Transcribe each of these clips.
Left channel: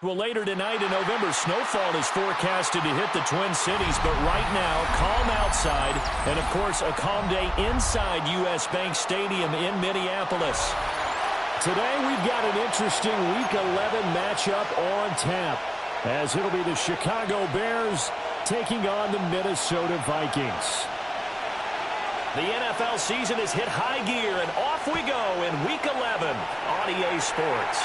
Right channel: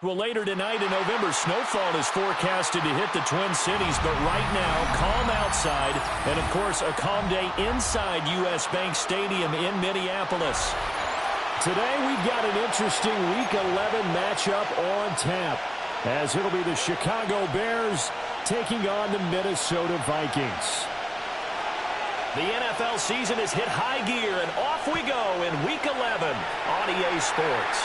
Well, later tonight in November, snowfall is forecasted to hit the Twin Cities, but right now, calm outside, and of course, a calm day inside U.S. Bank Stadium in Minneapolis. Today, we've got an interesting Week 11 matchup on tap, as it'll be the Chicago Bears taking on the Minnesota Vikings. The NFL season has hit high gear, and off we go in Week 11 on EA Sports.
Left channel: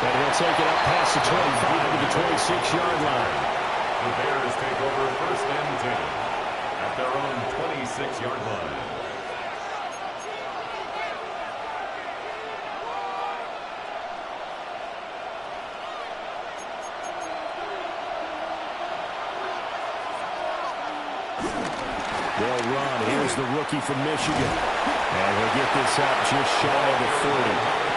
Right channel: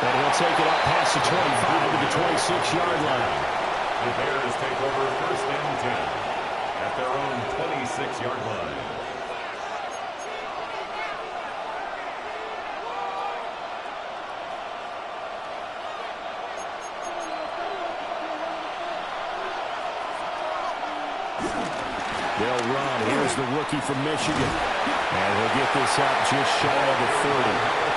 And he'll take it up past the 25 to the 26-yard line. The Bears take over 1st and 10 at their own 26-yard line. They'll run. Here's the rookie from Michigan. And he'll get this up just shy of the 30.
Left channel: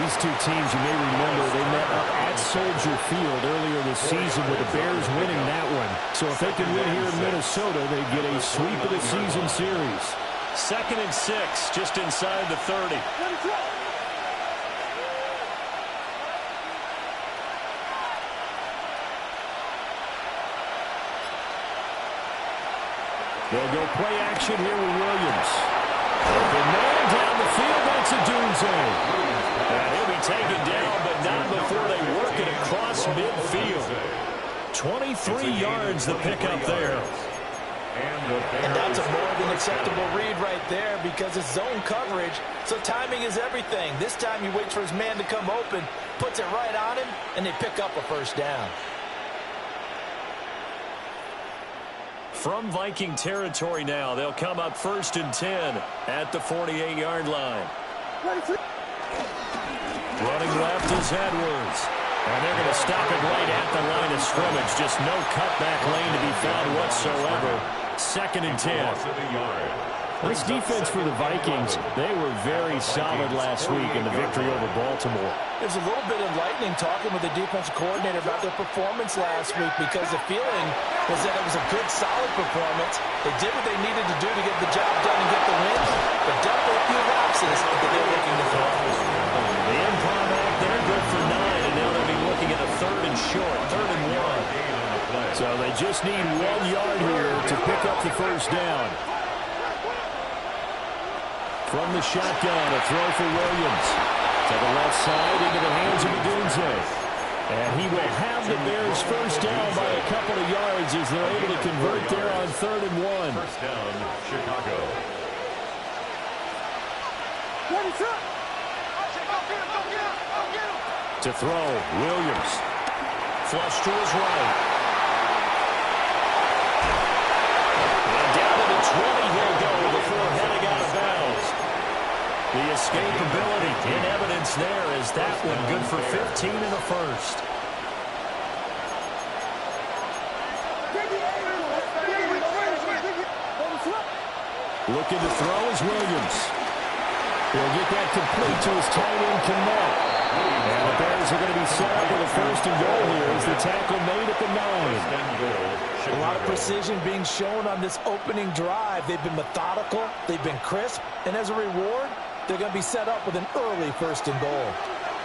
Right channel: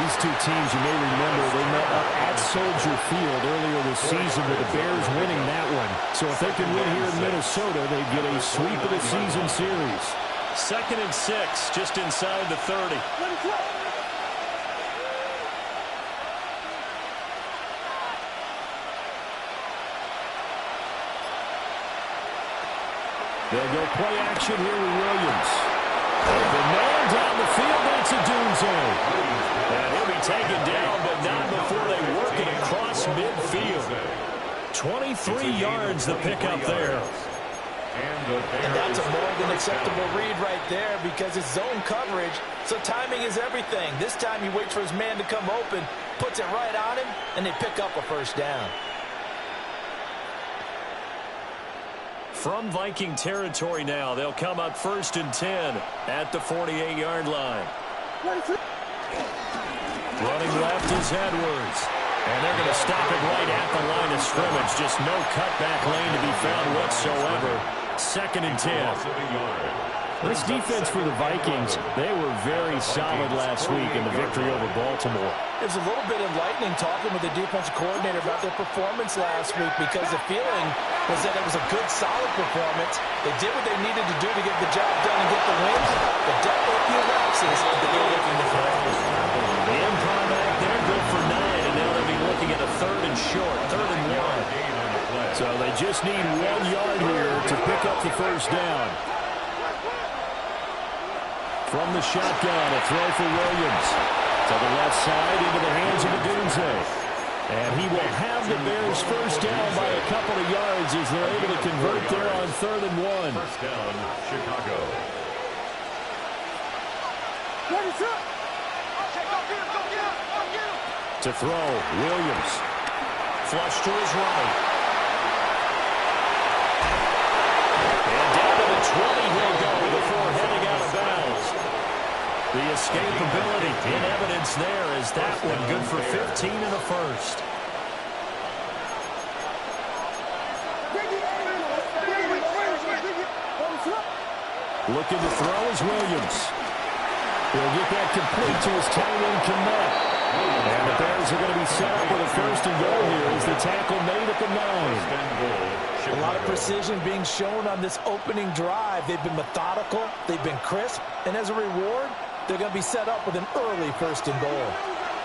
These two teams, you may remember, they met up at Soldier Field earlier this season with the Bears winning that one. So if they can win here in Minnesota, they'd get a sweep of the season series. 2nd and 6, just inside the 30. They'll go play action here with Williams. Open man down the field, that's Odunze. And he'll be taken down, but not before they work it across midfield. 23 yards the pickup there. And that's a more than acceptable read right there because it's zone coverage, so timing is everything. This time he waits for his man to come open, puts it right on him, and they pick up a 1st down. From Viking territory now, they'll come up 1st and 10 at the 48-yard line. Running left is Edwards. And they're going to stop it right at the line of scrimmage. Just no cutback lane to be found whatsoever. 2nd and 10. This defense for the Vikings, they were very solid last week in the victory over Baltimore. It was a little bit enlightening talking with the defensive coordinator about their performance last week because the feeling was that it was a good, solid performance. They did what they needed to do to get the job done and get the wins, but definitely a few lapses that they're looking to correct. The improv back there, good for 9, and now they'll be looking at a 3rd and short, 3rd and 1. So they just need 1 yard here to pick up the 1st down. From the shotgun, a throw for Williams. To the left side, into the hands of Odunze. And he will have the Bears 1st down by a couple of yards as they're able to convert there on 3rd and 1. 1st down, Chicago. To throw, Williams. Flush to his right. And down to the 20 he'll go before heading out of bounds. The escapability in evidence there is that one good for 15 and a 1st. Looking to throw is Williams. He'll get that complete to his tight end, Komet. And the Bears are going to be set up with a first and goal here as the tackle made at the 9. A lot of precision being shown on this opening drive. They've been methodical, they've been crisp, and as a reward, they're going to be set up with an early first and goal.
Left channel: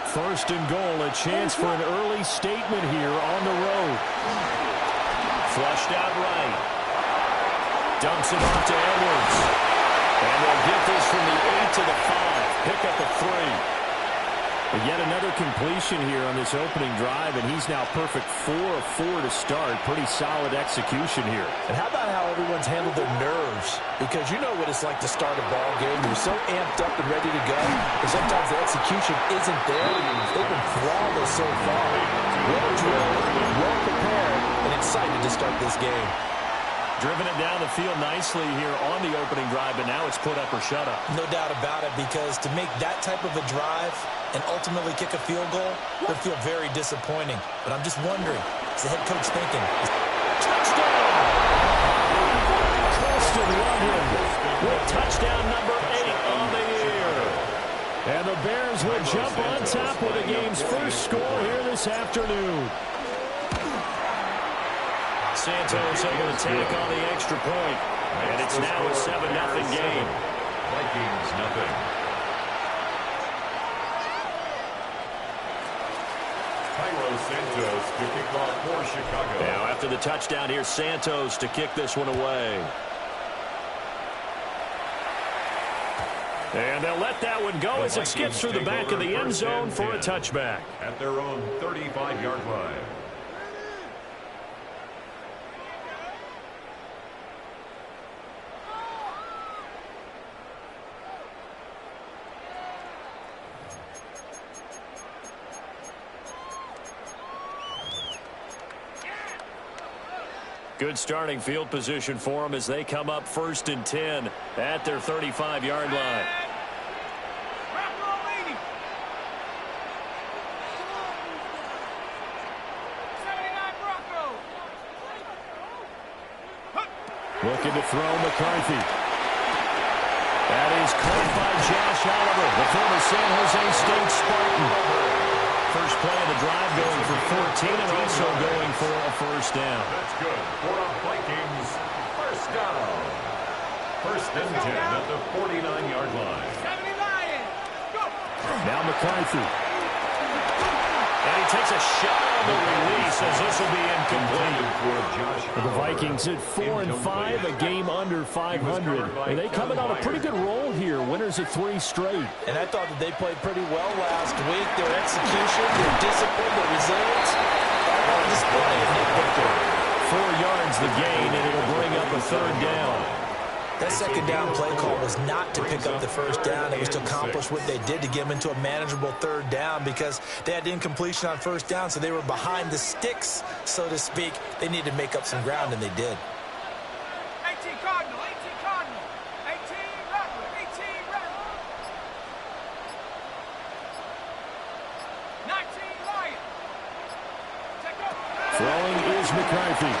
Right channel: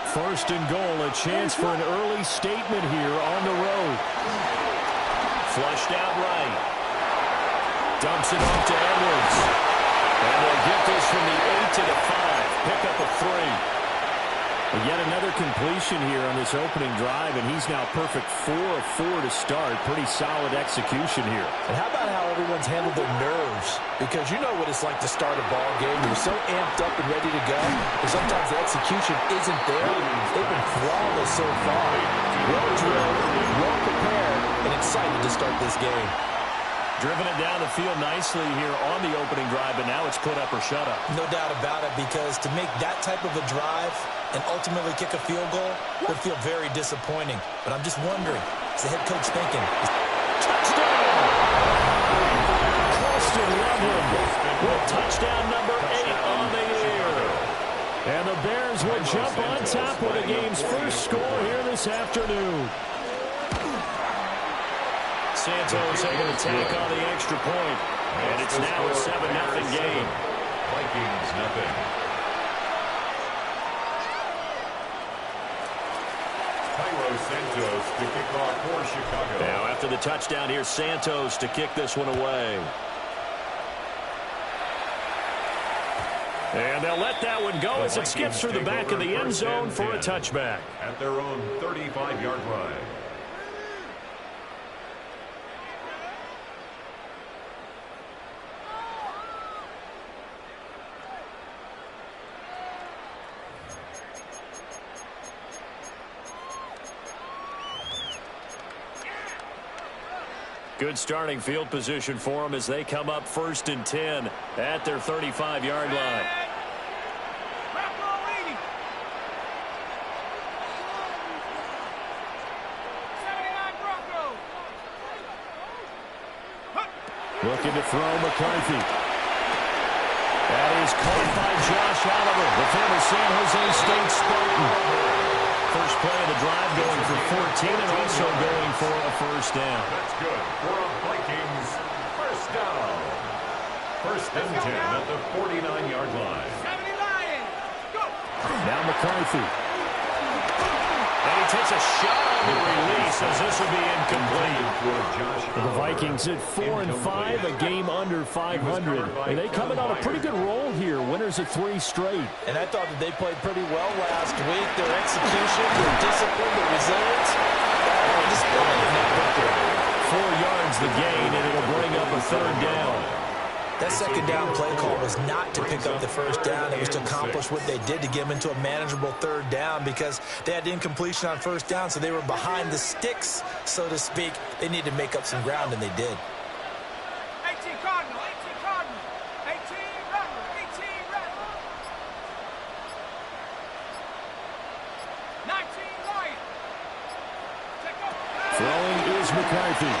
First and goal, a chance for an early statement here on the road. Flushed out right. Dumps it off to Edwards. And they'll get this from the 8 to the 5. Pick up a 3. But yet another completion here on this opening drive, and he's now perfect 4 of 4 to start. Pretty solid execution here. And how about how everyone's handled their nerves? Because you know what it's like to start a ball game. You're so amped up and ready to go, and sometimes the execution isn't there. They've been flawless so far. Well drilled, well prepared, and excited to start this game. Driven it down the field nicely here on the opening drive, but now it's put up or shut up. No doubt about it, because to make that type of a drive and ultimately kick a field goal would feel very disappointing. But I'm just wondering, is the head coach thinking? Touchdown! Colston Loveland with touchdown number 8 on the year. And the Bears will jump on top with the game's first score here this afternoon. Santos able to tack on the extra point, and it's now a 7-0 game. Vikings nothing. Cairo Santos to kick off for Chicago. Now after the touchdown here, Santos to kick this one away. And they'll let that one go as it skips through the back of the end zone for a touchback. At their own 35-yard line. Good starting field position for them as they come up 1st and 10 at their 35-yard line. Looking to throw McCarthy. That is caught by Josh Oliver, the former San Jose State Spartan. First play of the drive going for 14 and also going for a first down. That's good for a Vikings first down. 1st and 10 at the 49-yard line. Now McCarthy. And he takes a shot on the release as this will be incomplete. The Vikings at 4 and 5, a game under 500. And they come in on a pretty good roll here. Winners of 3 straight. And I thought that they played pretty well last week. Their execution, their discipline, their resilience, all on display in that victory. 4 yards the gain, and it'll bring up a 3rd down. That second down play call was not to pick up the first down. It was to accomplish what they did to get them into a manageable 3rd down because they had incompletion on first down, so they were behind the sticks, so to speak. They needed to make up some ground, and they did. 18 Cardinal, 18 Cardinal, 18 Rattler, 18 Rattler. 19 Lion. Take off. Throwing is McCarthy.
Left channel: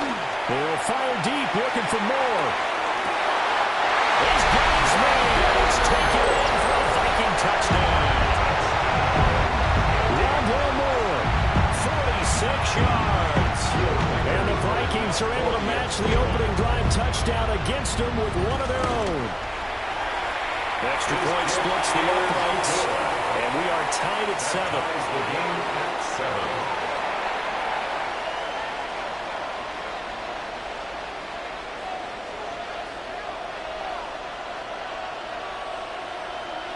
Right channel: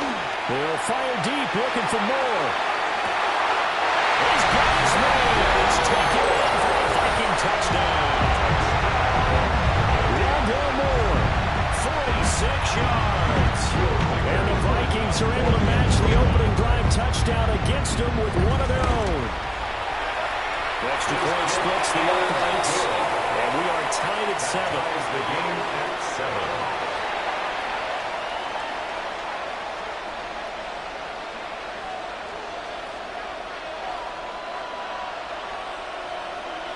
They'll fire deep, looking for more. He's got his man. It's taken in for a Viking touchdown. Rondell Moore, 46 yards. And the Vikings are able to match the opening drive touchdown against them with one of their own. Extra point splits the uprights, and we are tied at 7. The game at 7.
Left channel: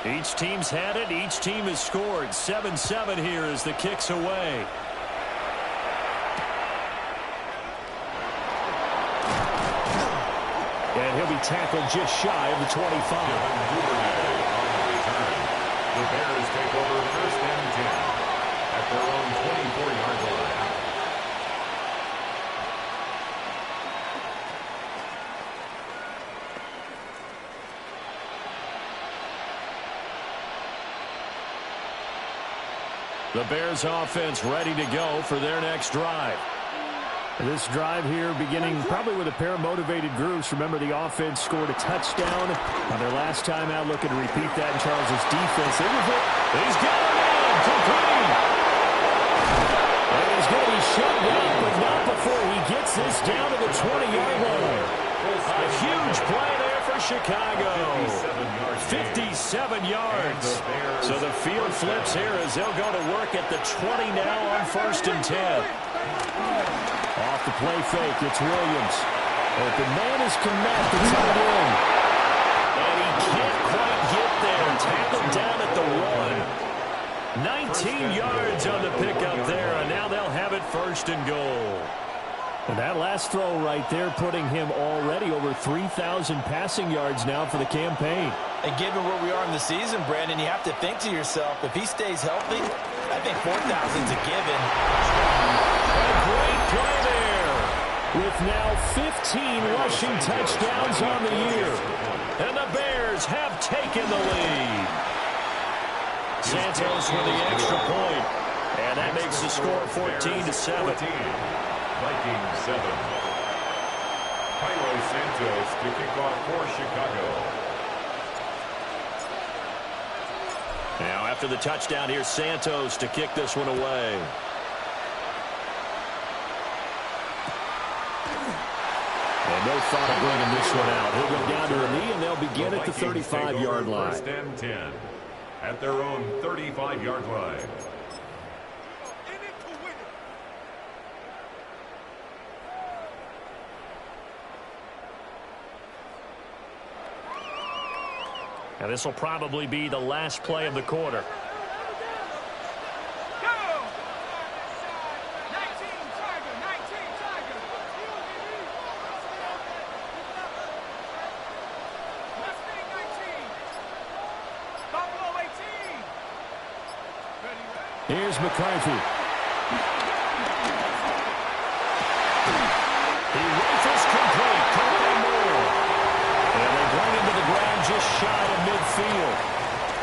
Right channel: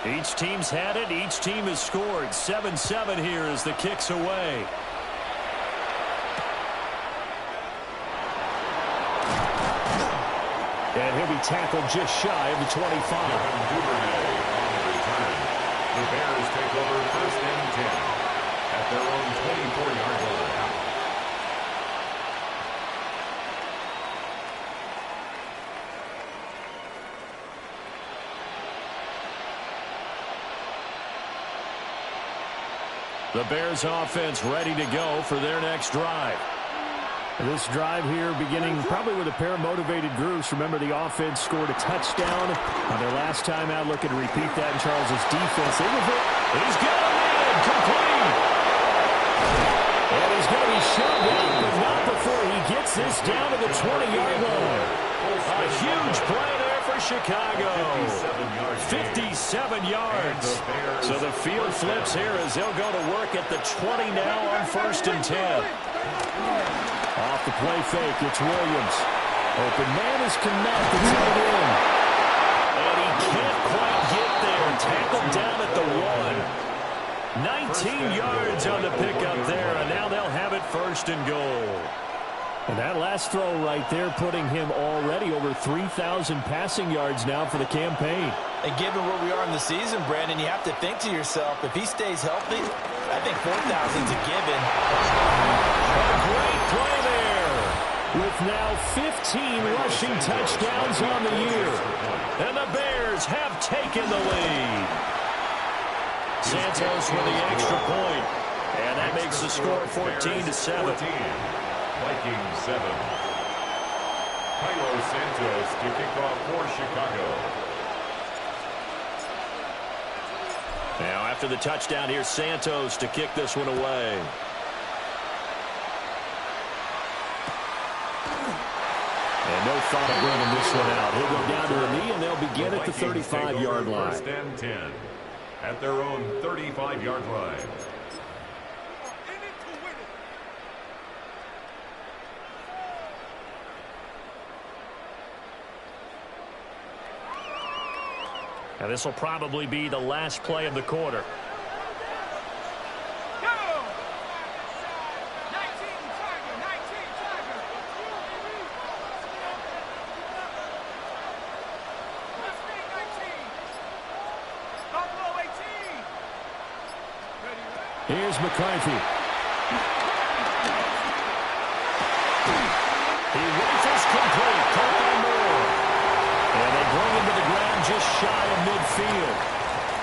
Each team's had it. Each team has scored. 7-7 here as the kick's away. And he'll be tackled just shy of the 25. Duvernay on the return. The Bears take over 1st and 10 at their own 24-yard line. The Bears offense ready to go for their next drive. This drive here beginning probably with a pair of motivated groups. Remember, the offense scored a touchdown on their last time out. Looking to repeat that in Charles's defense. They were hit. He's got a man complete. shoved out, but not before he gets this down to the 20-yard line. A huge play there for Chicago. 57 yards. So the field flips here as they'll go to work at the 20 now on 1st and 10. Off the play fake, it's Williams. Open man is Kmet, the tight end. And he can't quite get there. Tackled down at the 1. 19 yards on the pickup there, and now they'll have it 1st and goal. And that last throw right there putting him already over 3,000 passing yards now for the campaign. And given where we are in the season, Brandon, you have to think to yourself, if he stays healthy, I think 4,000's a given. A great play there. With now 15 rushing touchdowns on the year. And the Bears have taken the lead. Santos with the extra point. And that makes the score 14-7. Vikings 7. Cairo Santos to kick off for Chicago. Now after the touchdown, here's Santos to kick this one away. And no thought of bringing this one out. He'll go down to a knee, and they'll begin at the 35-yard line. 1st and 10 at their own 35-yard line. Now this will probably be the last play of the quarter. Here's McCarthy. He rifles complete. Caught by Moore. And they bring him to the ground just shy of midfield.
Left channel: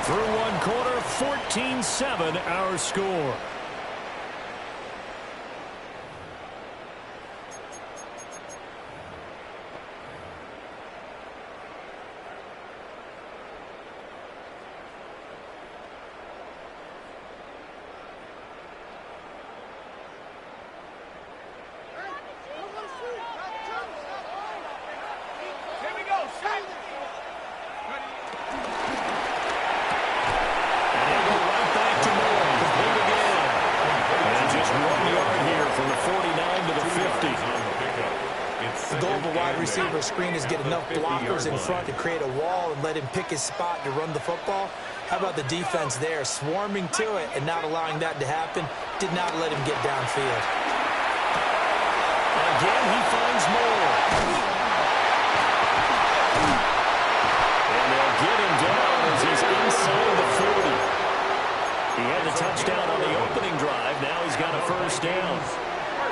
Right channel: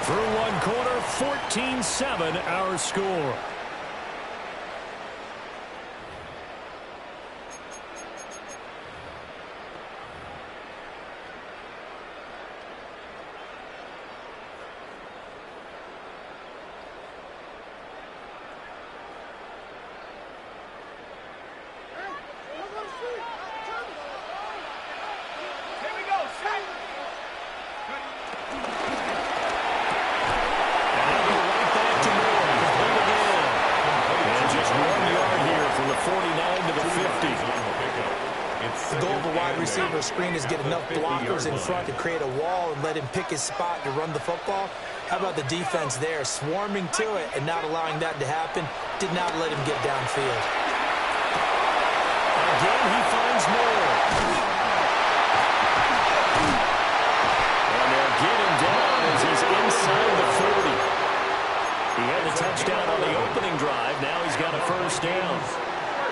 Through one quarter, 14-7 our score. Screen is get enough blockers in front to create a wall and let him pick his spot to run the football. How about the defense there, swarming to it and not allowing that to happen? Did not let him get downfield. Again, he finds more. And they'll get him down as he's inside the 40. He had the touchdown on the opening drive. Now he's got a 1st down.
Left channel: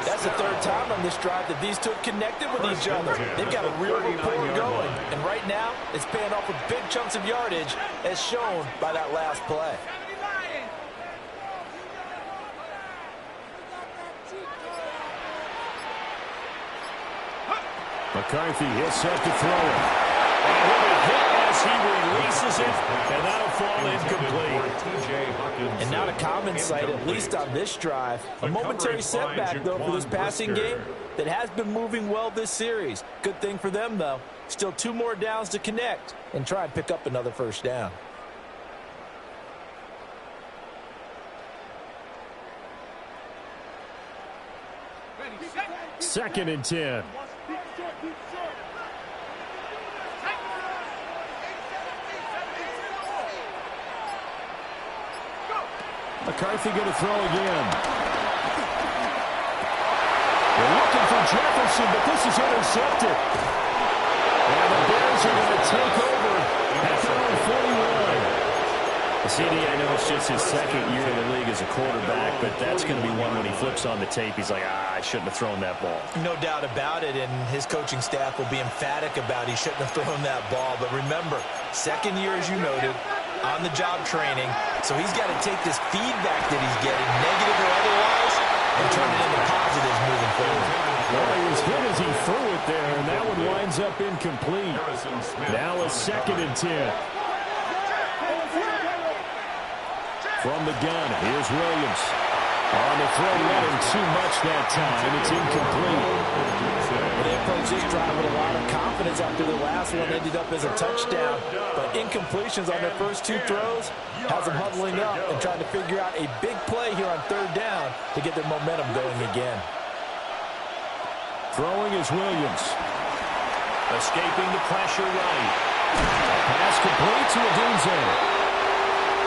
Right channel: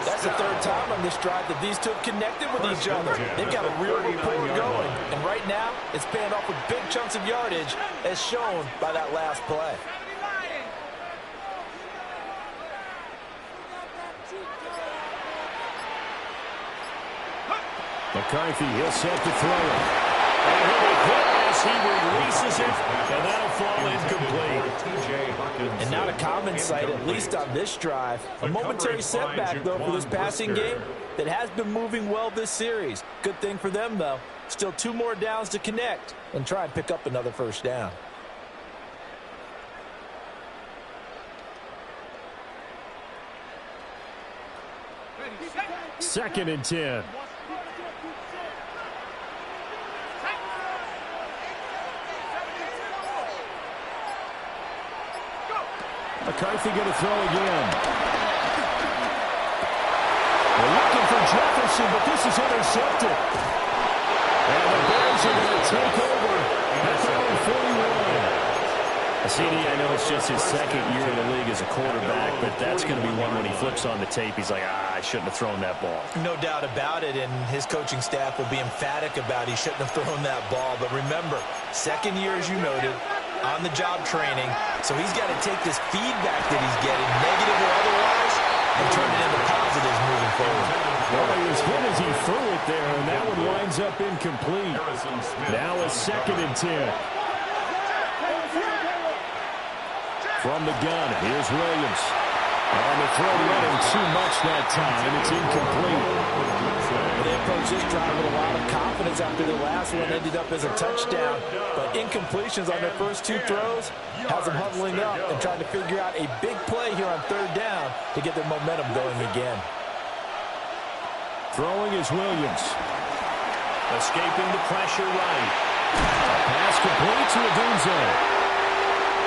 That's the 3rd time on this drive that these two have connected with each other. They've got a real rapport going. And right now, it's paying off with big chunks of yardage, as shown by that last play. McCarthy, he'll set to throw it. And he'll be hit as he releases it, and that'll fall incomplete. And not a common sight, at least on this drive. A momentary setback, though, for this passing game that has been moving well this series. Good thing for them, though. Still 2 more downs to connect and try and pick up another 1st down. Second and 10. McCarthy going to throw again. They're looking for Jefferson, but this is intercepted. And the Bears are going to take over at their own 41. CD, I know it's just his 2nd year in the league as a quarterback, but that's going to be one when he flips on the tape. He's like, I shouldn't have thrown that ball. No doubt about it, and his coaching staff will be emphatic about he shouldn't have thrown that ball. But remember, 2nd year, as you noted, on-the-job training, so he's got to take this feedback that he's getting, negative or otherwise, and turn it into positives moving forward. Well, he was hit as he threw it there, and that one winds up incomplete. Now a 2nd and 10. From the gun, here's Williams. On the throw, led him too much that time. It's incomplete. Well, they approached this drive with a lot of confidence after the last one ended up as a touchdown. But incompletions on their first two throws has them huddling up and trying to figure out a big play here on third down to get their momentum going again. Throwing is Williams. Escaping the pressure right. A pass complete to Odunze.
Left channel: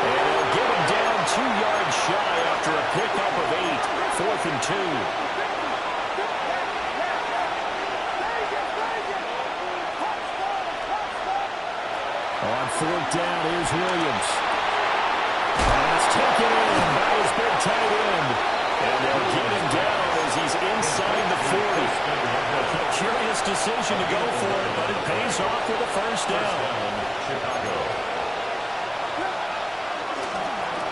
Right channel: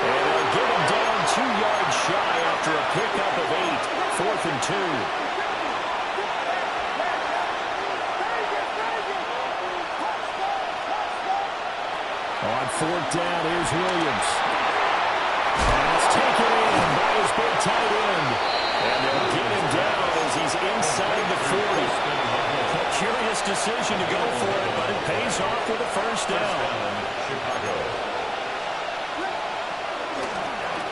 And they'll get him down 2 yards shy after a pickup of 8. 4th and 2. On 4th down, here's Williams. Pass taken in by his big tight end. And they'll get him down as he's inside the 40. A curious decision to go for it, but it pays off with a first down. Chicago.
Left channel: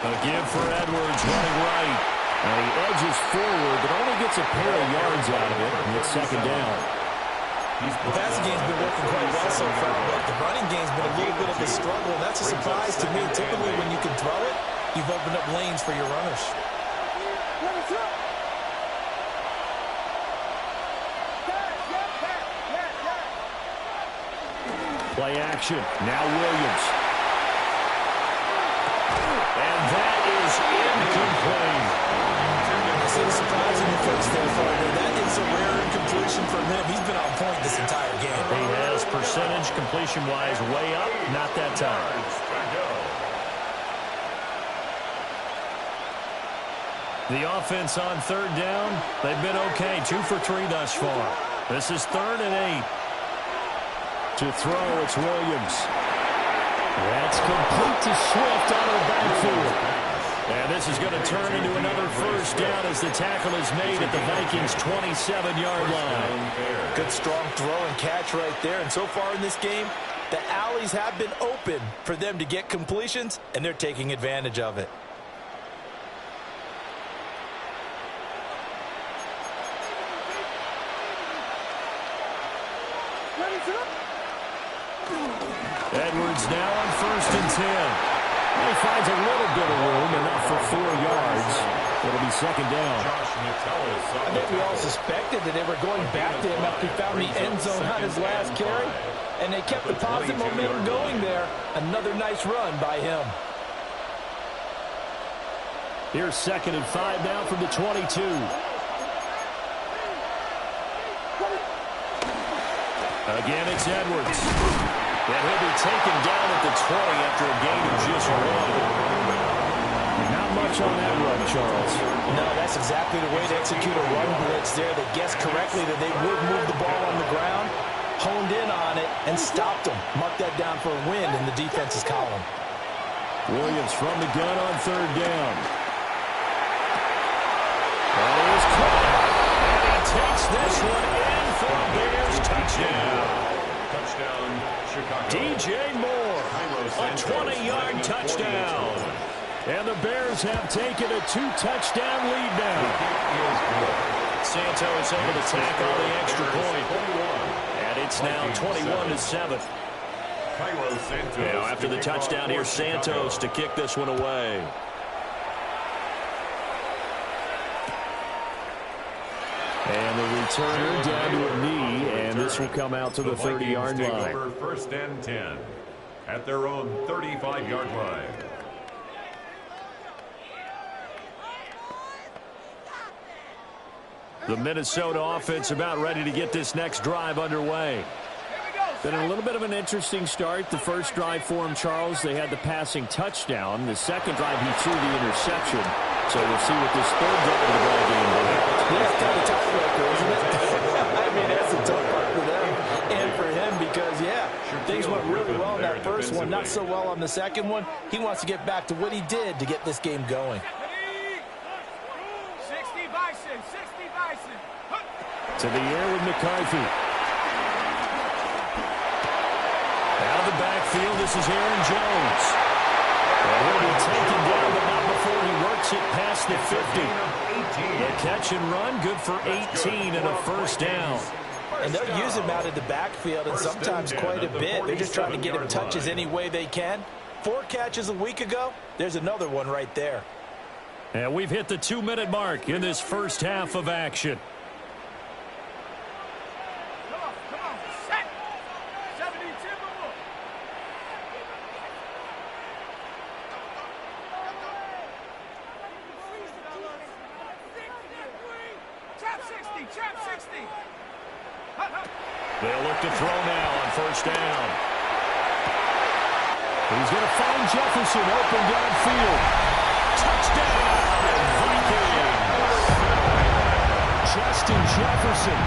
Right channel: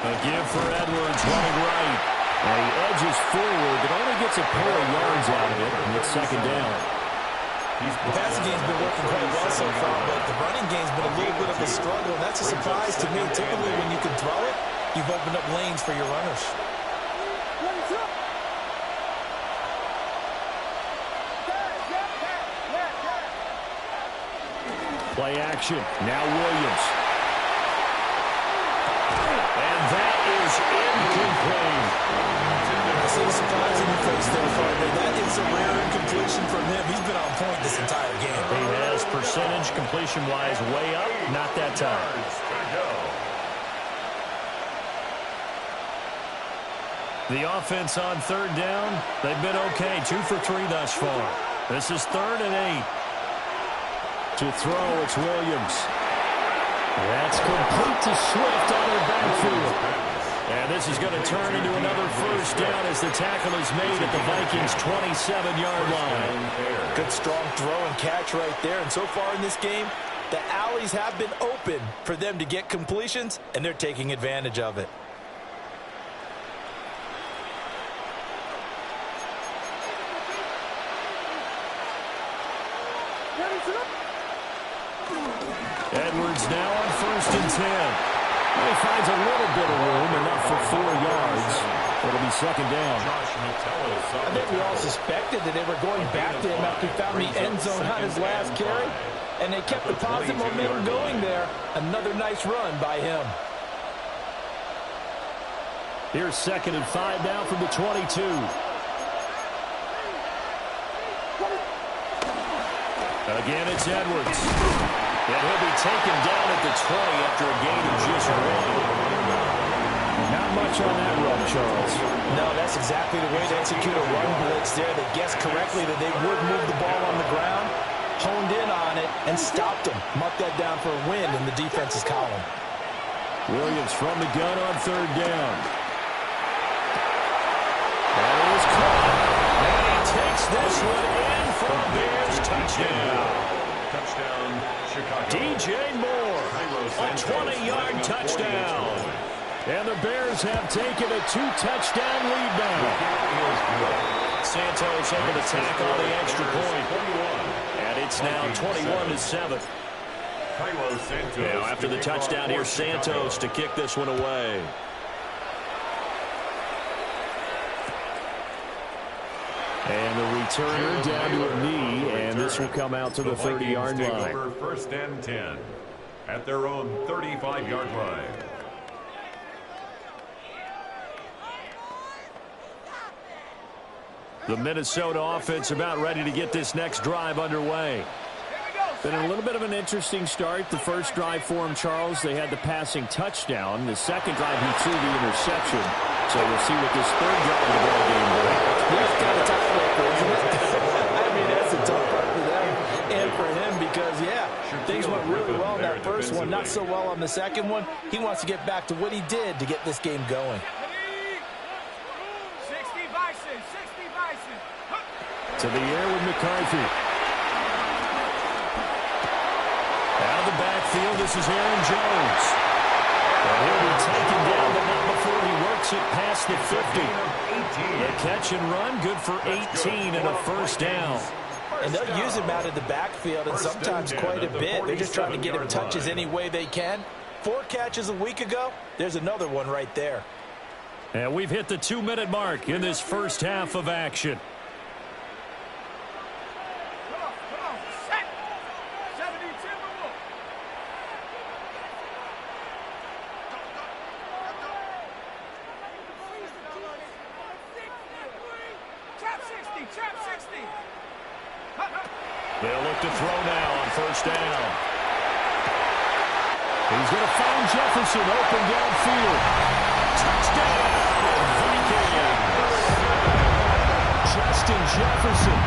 A give for Edwards running right. And he edges forward, but only gets a pair of yards out of it. And it's second down. The passing game's been working quite well so far, but the running game's been a little bit of a struggle, and that's a surprise to me. Typically, when you can throw it, you've opened up lanes for your runners. Play action. Now Williams. And that is incomplete. I see a surprise in your face there, partner. That is a rare incompletion from him. He's been on point this entire game. He has percentage completion-wise way up. Not that time. The offense on third down, they've been okay. 2 for 3 thus far. This is 3rd and 8. To throw, it's Williams. That's complete to Swift out of the backfield. And this is going to turn into another first down as the tackle is made at the Vikings' 27-yard line. Good strong throw and catch right there. And so far in this game, the alleys have been open for them to get completions, and they're taking advantage of it. Edwards now on 1st and 10. He finds a little bit of room, enough for 4 yards. It'll be second down. I think we all suspected that they were going back to him after he found the end zone on his last carry, and they kept the positive momentum going there. Another nice run by him. Here's 2nd and 5 now from the 22. Again, it's Edwards. And he'll be taken down at the 20 after a gain of just 1. Not much on that run, Charles. No, that's exactly the way to execute a run blitz there. They guessed correctly that they would move the ball on the ground, honed in on it, and stopped them. Mark that down for a win in the defense's column. Williams from the gun on 3rd down. That is caught. And he takes this one in for a Bears touchdown. Touchdown, Chicago. DJ Moore, a 20-yard touchdown. And the Bears have taken a 2-touchdown lead now. Santos able to tack on the extra point. And it's now 21-7. Now after the touchdown, here's Santos to kick this one away. And the returner down to a knee, and this will come out to the 30-yard line. Over 1st and 10 at their own 35-yard line. The Minnesota offense about ready to get this next drive underway. Been a little bit of an interesting start. The first drive for him, Charles, they had the passing touchdown. The second drive, he threw the interception. So we'll see what this third drive of the ball game brings. Yeah, it's kind of tiebreaker, isn't it? I mean, that's a tough part for them and for him because, yeah, things went really well in that first one, not so well on the second one. He wants to get back to what he did to get this game going. 60 Bison, 60 Bison. To the air with McCarthy. Out of the backfield, this is Aaron Jones. And he'll be taken down, but not before he works it past the 50. The catch and run, good for 18 and a first down. And they'll use him out of the backfield, and sometimes quite a bit. They're just trying to get him touches any way they can. 4 catches a week ago. There's another one right there. And we've hit the 2-minute mark in this first half of action. Come on, set. 70 Timberwolves. Trap 60, trap 60. They'll look to throw now on first down. He's going to find Jefferson open downfield. Touchdown, Vikings! Justin Jefferson,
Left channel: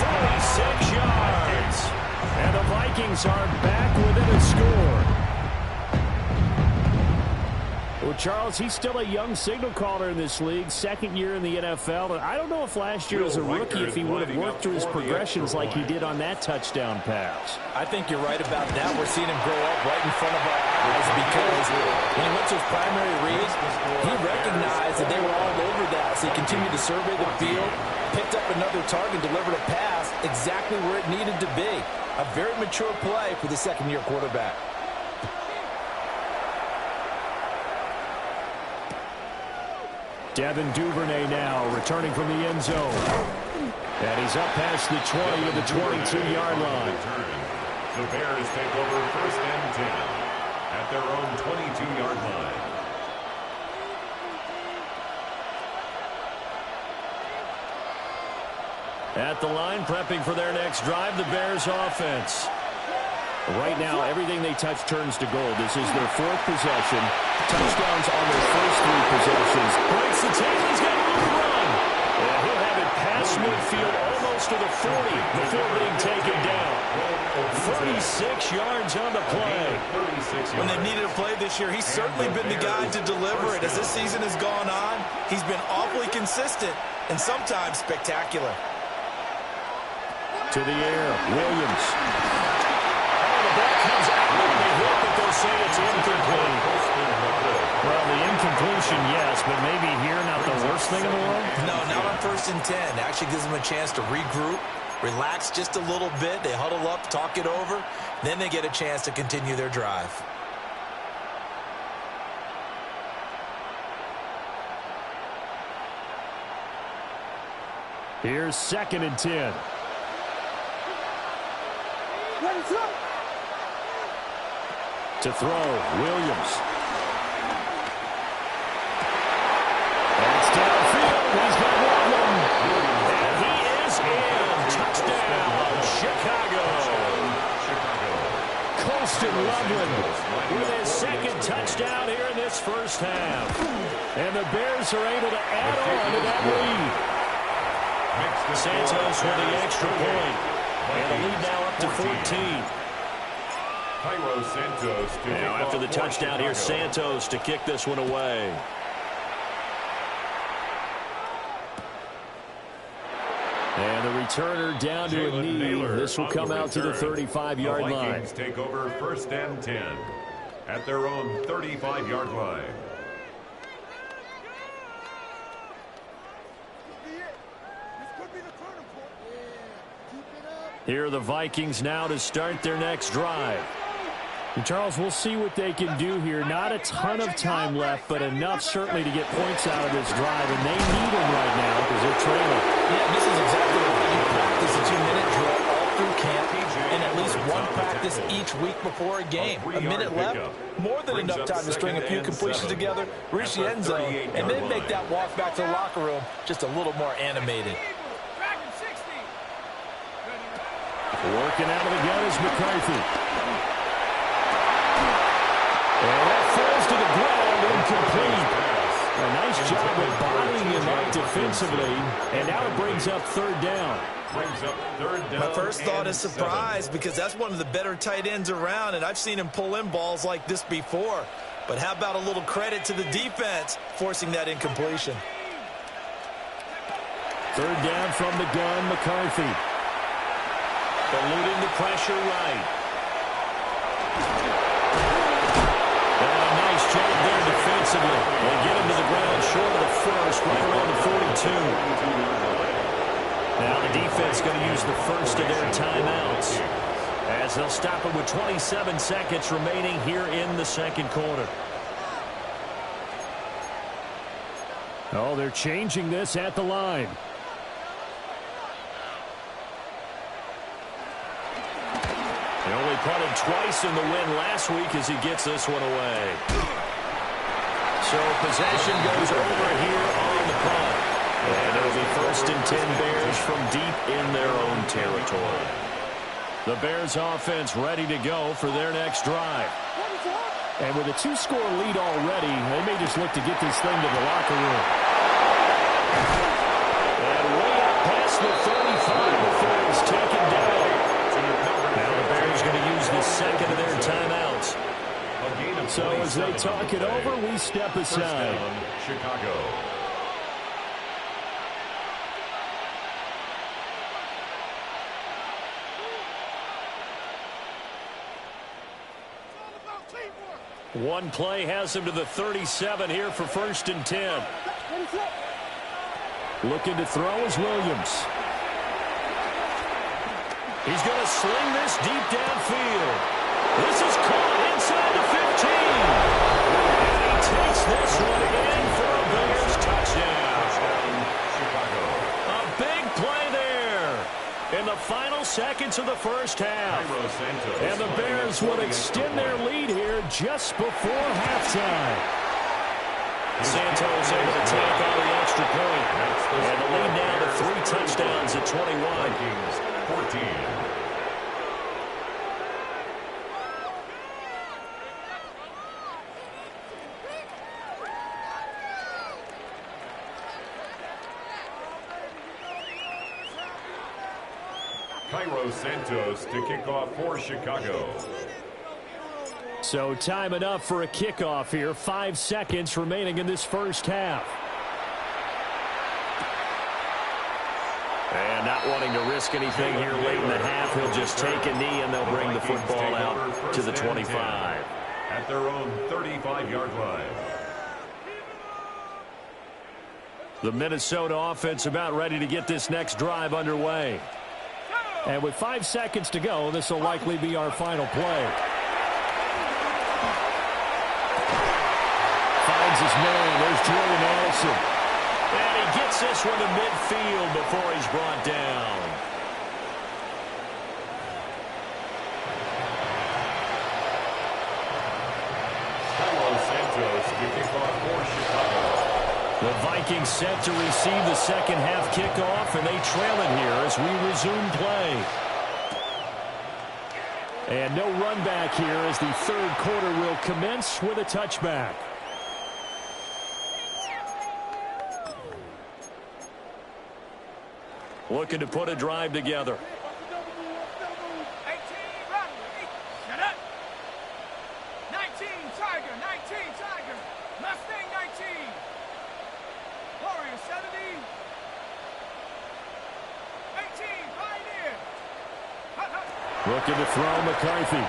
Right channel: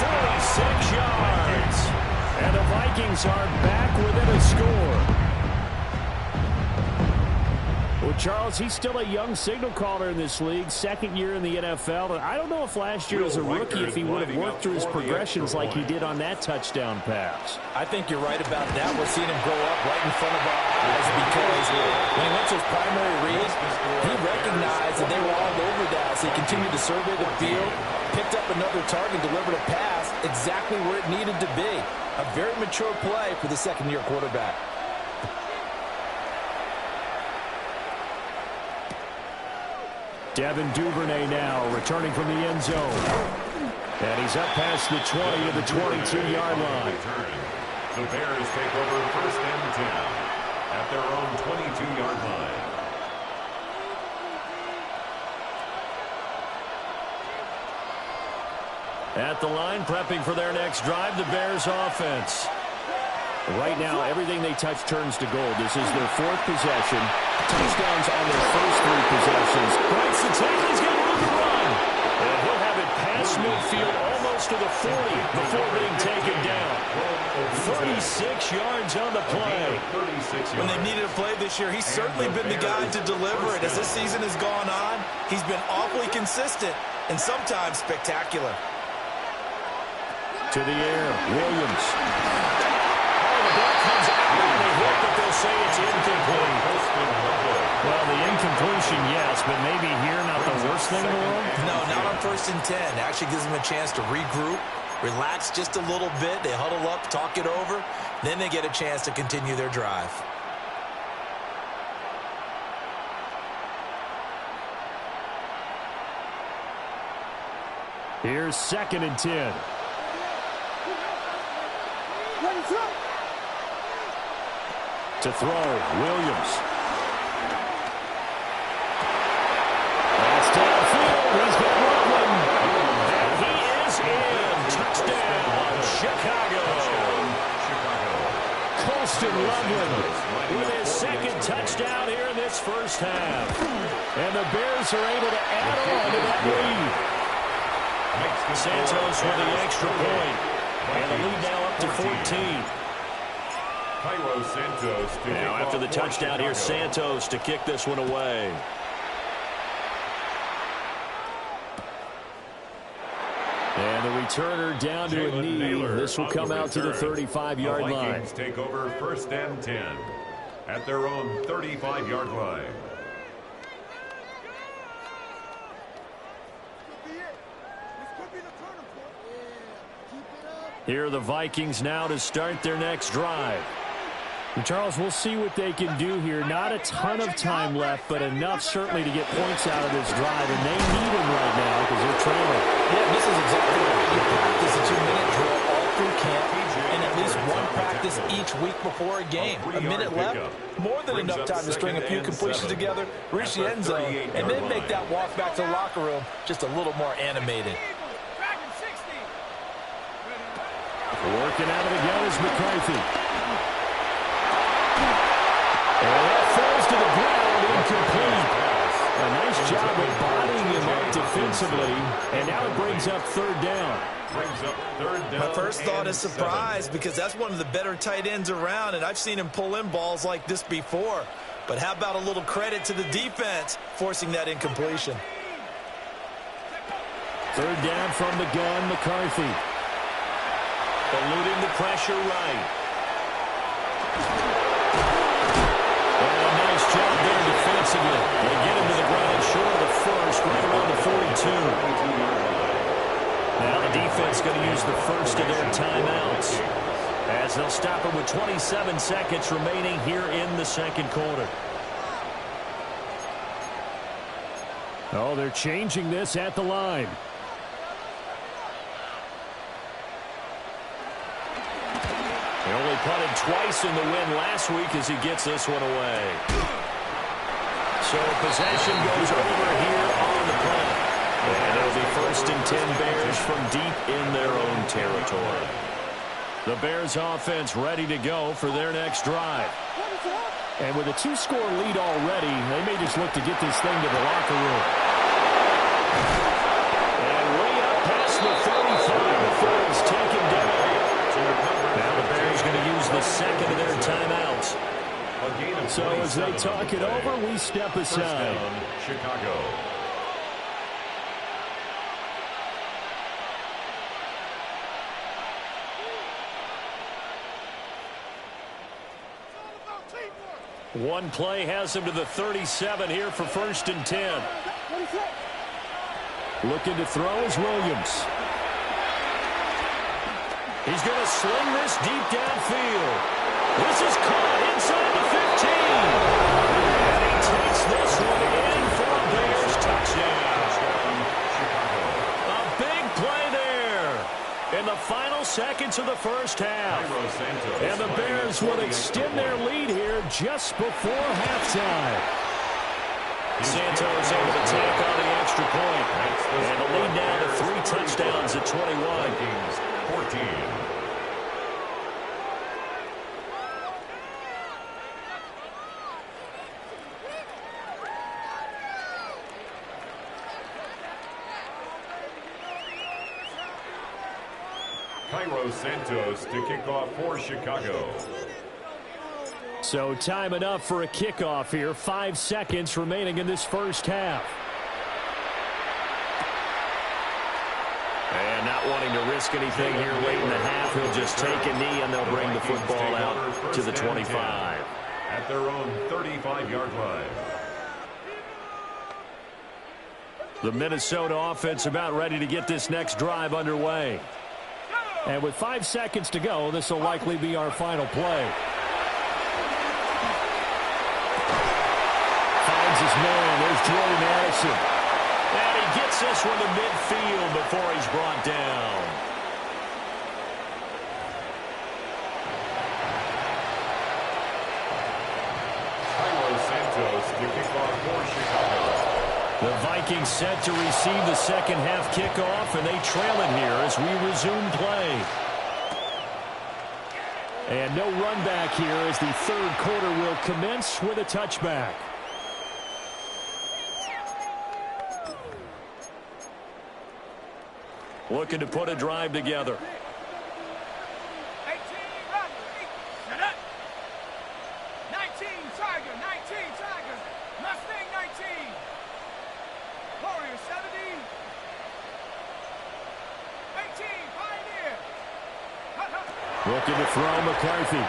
46 yards. And the Vikings are back within a score. Well, Charles, he's still a young signal caller in this league, second year in the NFL. And I don't know if last year as a rookie, if he would have worked through his progressions like he did on that touchdown pass. I think you're right about that. We're seeing him grow up right in front of our eyes because when he went to his primary read, he recognized that they were all over that. So he continued to survey the field, picked up another target, delivered a pass exactly where it needed to be. A very mature play for the second-year quarterback. Devin Duvernay now returning from the end zone. And he's up past the 20 to the 22-yard line. The Bears take over first and 10 at their own 22-yard line. At the line, prepping for their next drive, the Bears offense. Right now, everything they touch turns to gold. This is their fourth possession. Touchdowns on their first three possessions. Breaks the tackle. He's got room to run. And he'll have it past midfield almost to the 40 before being taken down. 36 yards on the play. When they needed a play this year, he's certainly been the guy to deliver it. As this season has gone on, he's been awfully consistent and sometimes spectacular. To the air, Williams. The ball comes out on the hit, but they'll say it's incomplete. Well, the incompletion, yes, but maybe here not the worst thing in the world? No, not on first and 10. Actually gives them a chance to regroup, relax just a little bit. They huddle up, talk it over. Then they get a chance to continue their drive. Here's second and 10. To throw, Williams. That's downfield. He's got Loveland. And he is in. Touchdown, Chicago. Colston Loveland with his second touchdown here in this first half. And the Bears are able to add on to that lead. Santos with the extra point. And the lead now up to 14. Santos now after the touchdown here, Santos to kick this one away. And the returner down to a knee. This will come out to the 35-yard line. Vikings take over first and 10 at their own 35-yard line. Here are the Vikings now to start their next drive. And Charles, we'll see what they can do here. Not a ton of time left, but enough certainly to get points out of this drive. And they need them right now because they're trailing. Yeah, this is exactly why you practice a 2-minute drill all through camp and at least one practice each week before a game. A minute left, more than enough time to string a few completions together, reach the end zone, and then make that walk back to the locker room just a little more animated. Working out of the gun is McCarthy. And that falls to the ground, incomplete. A nice job of bodying him up defensively. And now it brings up third down. My first thought is surprise because that's one of the better tight ends around, and I've seen him pull in balls like this before. But how about a little credit to the defense forcing that incompletion? Third down from the gun, McCarthy. Eluding the pressure right. And a nice job there defensively. They get him to the ground short of the first, right around the 42. Now the defense going to use the first of their timeouts as they'll stop it with 27 seconds remaining here in the second quarter. Oh, they're changing this at the line. He only punted twice in the win last week as he gets this one away. So possession goes over here on the punt. And it'll be 1st and 10 Bears from deep in their own territory. The Bears offense ready to go for their next drive. And with a 2-score lead already, they may just look to get this thing to the locker room. And way up past the 35 before he's taken down. Now the Bears going to use the second of their timeouts. So as they talk it over, we step aside. Chicago. One play has him to the 37 here for 1st and 10. Looking to throw is Williams. He's going to sling this deep downfield. This is caught inside the 15. And he takes this one in for a Bears touchdown. Chicago. A big play there in the final seconds of the first half. And the Bears would extend their lead here just before halftime. Santos able to tack on the extra point. And the lead now to 3 touchdowns at 21. Vikings 14. Santos to kick off for Chicago. So time enough for a kickoff here. 5 seconds remaining in this first half. And not wanting to risk anything here late in the half, he'll just take a knee and they'll bring the football out to the 25. At their own 35-yard line. The Minnesota offense about ready to get this next drive underway. And with 5 seconds to go, this will likely be our final play. Finds his man. There's Jordan Addison. And he gets this one to midfield before he's brought down. Santos to kick off for Chicago. The Vikings set to receive the second half kickoff, and they trail it here as we resume play. And no run back here as the third quarter will commence with a touchback. Looking to put a drive together. 18, Rattler, shut up. 19, Tiger, 19, Tiger. Mustang, 19. Warrior, 70. 18, Pioneer. Hut, hut. Looking to throw McCarthy.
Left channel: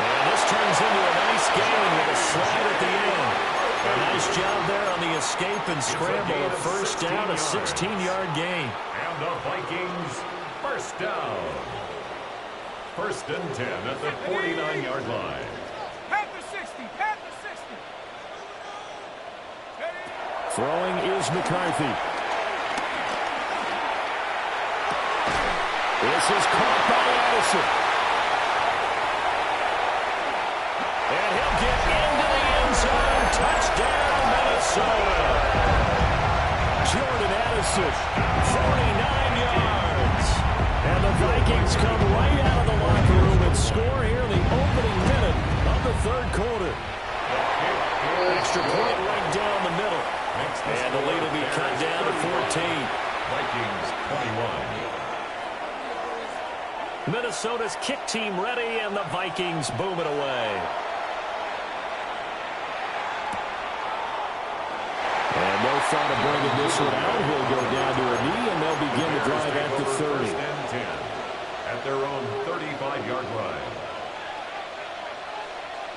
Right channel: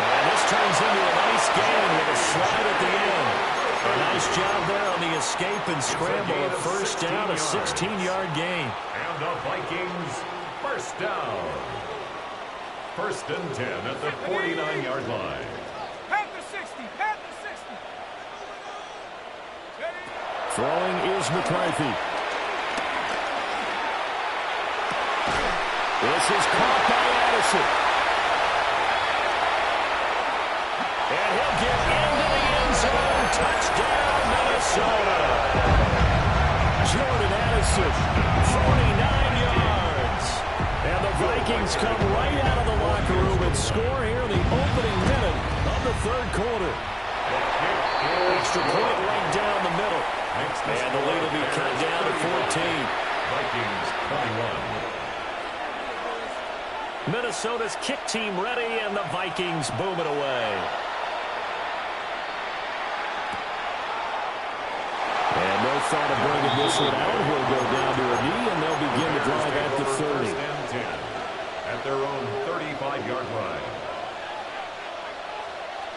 And this turns into a nice gain with a slide at the end. A nice job there on the escape and scramble. A first down, a 16-yard gain. And the Vikings first down. 1st and 10 at the 49-yard line. Panther 60, Panther 60. Throwing is McCarthy. This is caught by Addison. And he'll get into the end zone. Touchdown, Minnesota. Jordan Addison, 49 yards. And the Vikings come right out of the locker room and score here in the opening minute of the third quarter. Extra point right down the middle. And the lead will be cut down to 14. Vikings 21. Minnesota's kick team ready, and the Vikings boom it away. And no thought of bringing this one out. He'll go down to a knee, and they'll begin the drive at the 30. 1st and 10 at their own 35-yard line.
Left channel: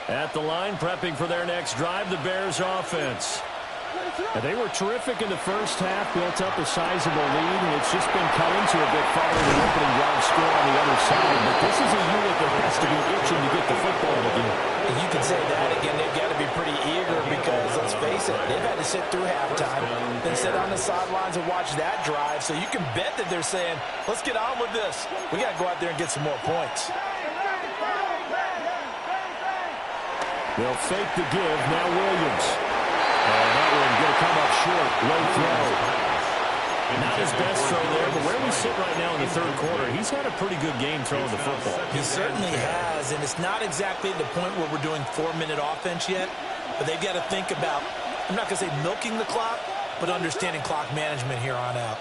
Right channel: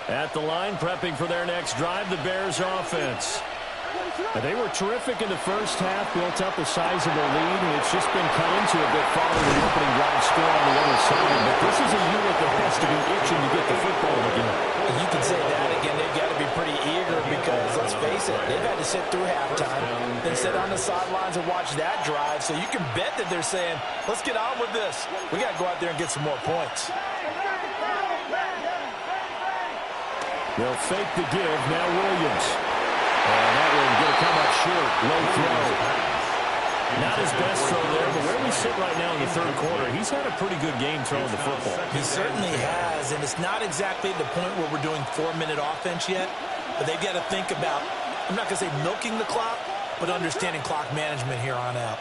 At the line, prepping for their next drive, the Bears offense. And they were terrific in the first half, built up a sizable lead, and it's just been cut into a bit following the opening drive score on the other side. But this is a unit that has to be itching to get the football again. And you can say that again. They've got to be pretty eager because, let's face it, they've had to sit through halftime, then sit on the sidelines and watch that drive. So you can bet that they're saying, let's get on with this. We got to go out there and get some more points. They'll fake the give. Now Williams. And that one going to come up short. Low throw. Not his best throw there, but where we sit right now in the third quarter, he's had a pretty good game throwing the football. He certainly has, and it's not exactly the point where we're doing 4-minute offense yet, but they've got to think about, I'm not going to say milking the clock, but understanding clock management here on out.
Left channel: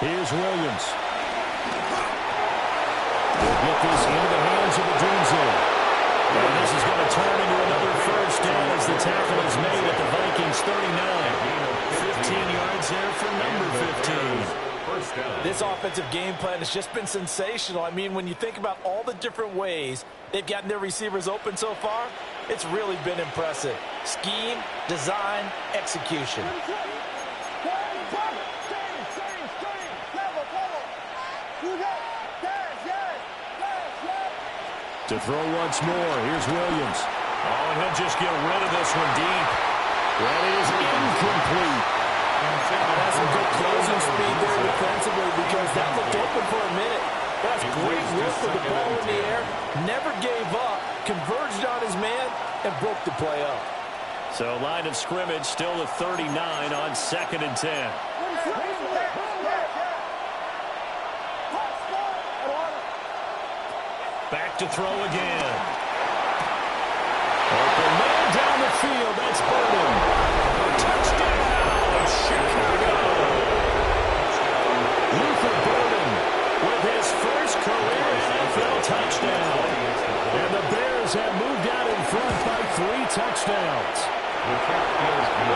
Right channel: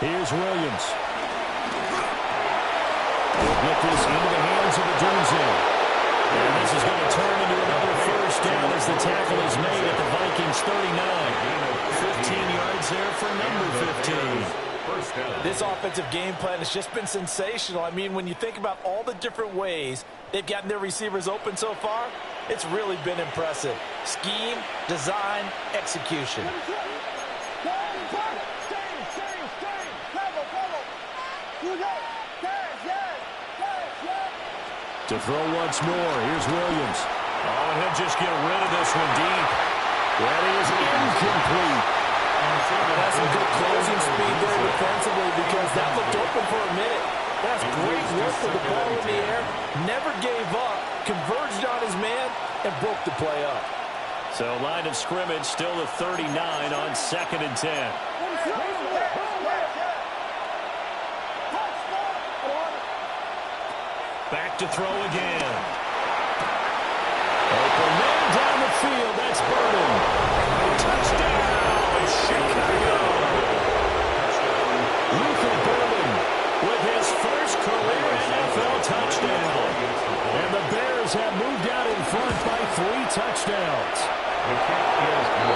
Here's Williams. He'll get this into the hands of Odunze. And this is going to turn into another first down as the tackle is made at the Vikings 39. 15 yards there for number 15. This offensive game plan has just been sensational. I mean, when you think about all the different ways they've gotten their receivers open so far, it's really been impressive. Scheme, design, execution. To throw once more, here's Williams. Oh, and he'll just get rid of this one deep. That is incomplete. That's some good closing speed there defensively because that looked open for a minute. That's great work with the ball in the air. Never gave up, converged on his man, and broke the play up. So line of scrimmage still to 39 on 2nd and 10. Back to throw again. Open man down the field. That's Burden. Touchdown, Chicago. Luther Burden with his first career NFL touchdown. And the Bears have moved out in front by 3 touchdowns.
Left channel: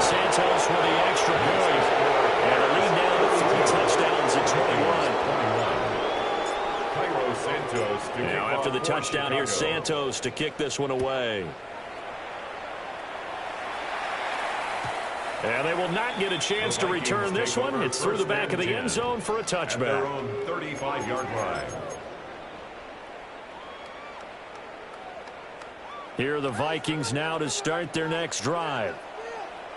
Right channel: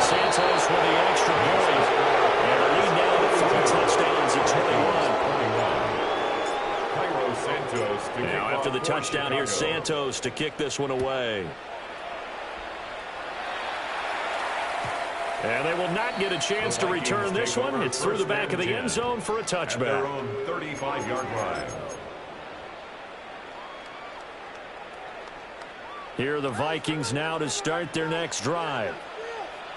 Santos with the extra point. And a lead now to 3 touchdowns at 21. Now after the touchdown, here's Santos to kick this one away. And they will not get a chance to return this one. It's through the back of the end zone for a touchback. Their own 35-yard line. Here are the Vikings now to start their next drive.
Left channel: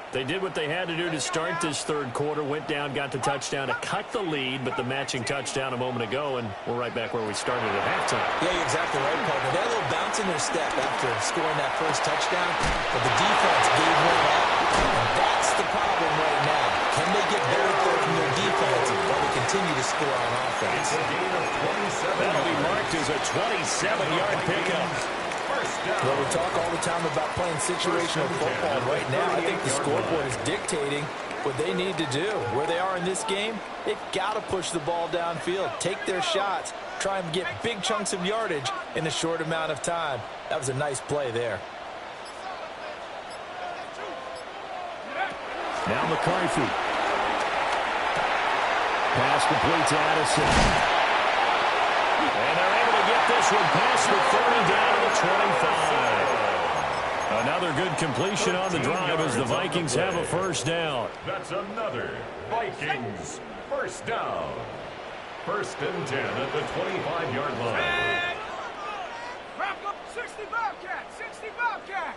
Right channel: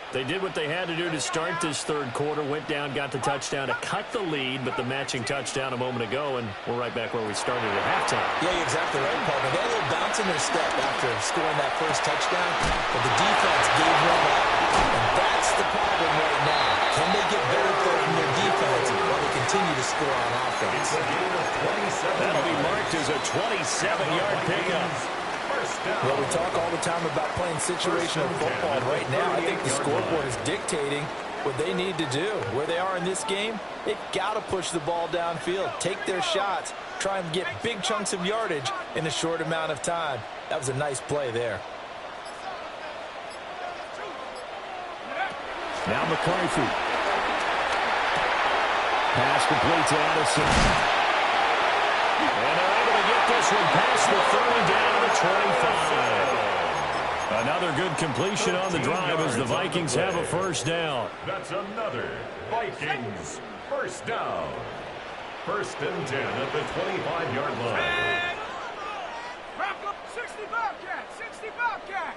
They did what they had to do to start this third quarter, went down, got the touchdown to cut the lead, but the matching touchdown a moment ago, and we're right back where we started at halftime. Yeah, you're exactly right, partner. They had a little bounce in their step after scoring that first touchdown, but the defense gave one up, and that's the problem right now. Can they get better from their defense while they continue to score on offense? It's a gain of 27. That'll be marked as a 27-yard pickup. Well, we talk all the time about playing situational football, and right now I think the scoreboard is dictating what they need to do. Where they are in this game, they've got to push the ball downfield, take their shots, try and get big chunks of yardage in a short amount of time. That was a nice play there. Now McCarthy. Pass complete to Addison. And they're able to get this one past the 30 down to the 25. Another good completion on the drive as the Vikings have a first down. That's another Vikings first down. 1st and 10 at the 25-yard line. 60 Bobcat, 60 Bobcat.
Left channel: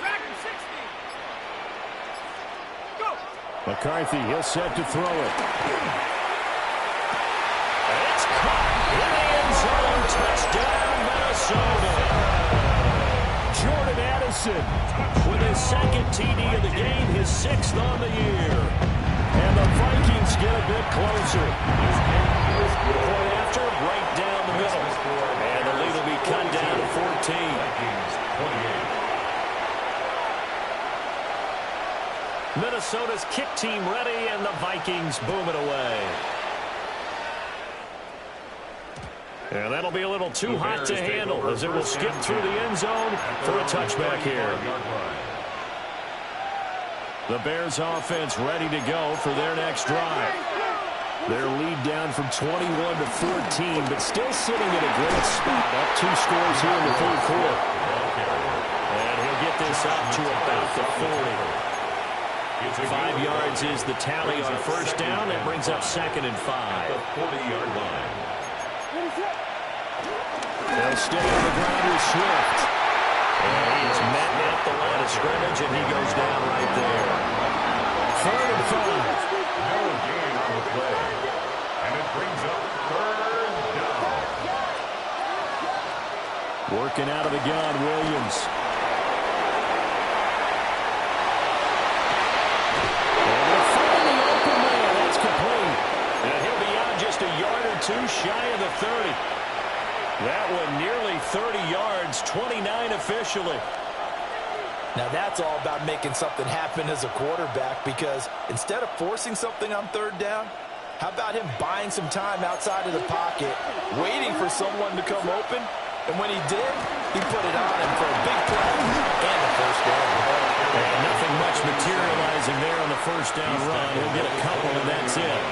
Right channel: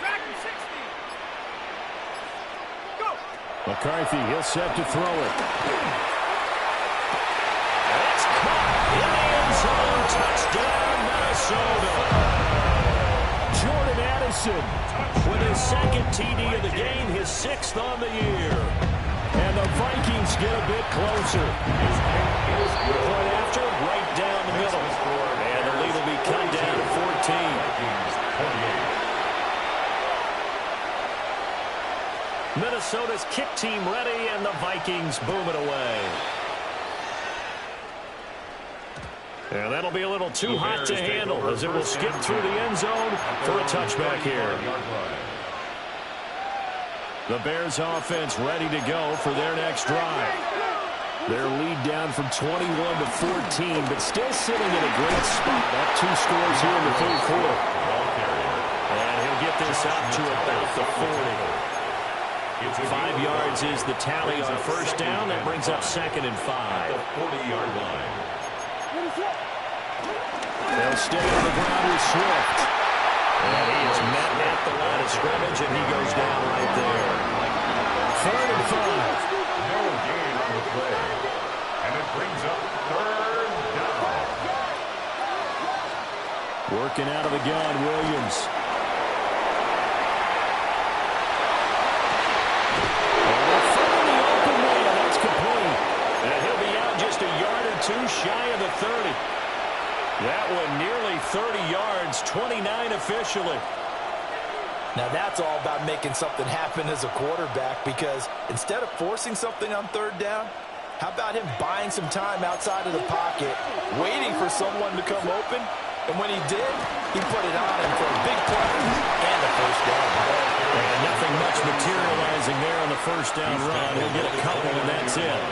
Track him 60. Go. McCarthy, he'll set to throw it. It's caught in the end zone. Touchdown, Minnesota. Jordan Addison with his 2nd TD of the game, his 6th on the year. And the Vikings get a bit closer. His game is good. Point after, right down the middle. And the lead will be cut down to 14. Vikings 28. Minnesota's kick team ready, and the Vikings boom it away. And that'll be a little too hot to handle as it will skip through the end zone for a touchback here. The Bears offense ready to go for their next drive. Their lead down from 21 to 14, but still sitting in a great spot. Up 2 scores here in the third quarter. And he'll get this up to about the 40. 5 yards is the tally on first down. That brings up 2nd and 5. The 40-yard line. They'll stay on the ground with Swift. And he is met at the line of scrimmage, and he goes down right there. 3rd and 5. No gain on the play. And it brings up 3rd down. Working out of the gun, Williams. And they're finding the open man. That's complete. And he'll be out just a yard or 2 shy of the 30. That one nearly 30 yards, 29 officially. Now that's all about making something happen as a quarterback, because instead of forcing something on 3rd down, how about him buying some time outside of the pocket, waiting for someone to come open, and when he did, he put it on him for a big play and a first down. And nothing much materializing there on the first down run. He'll get a couple, and that's it.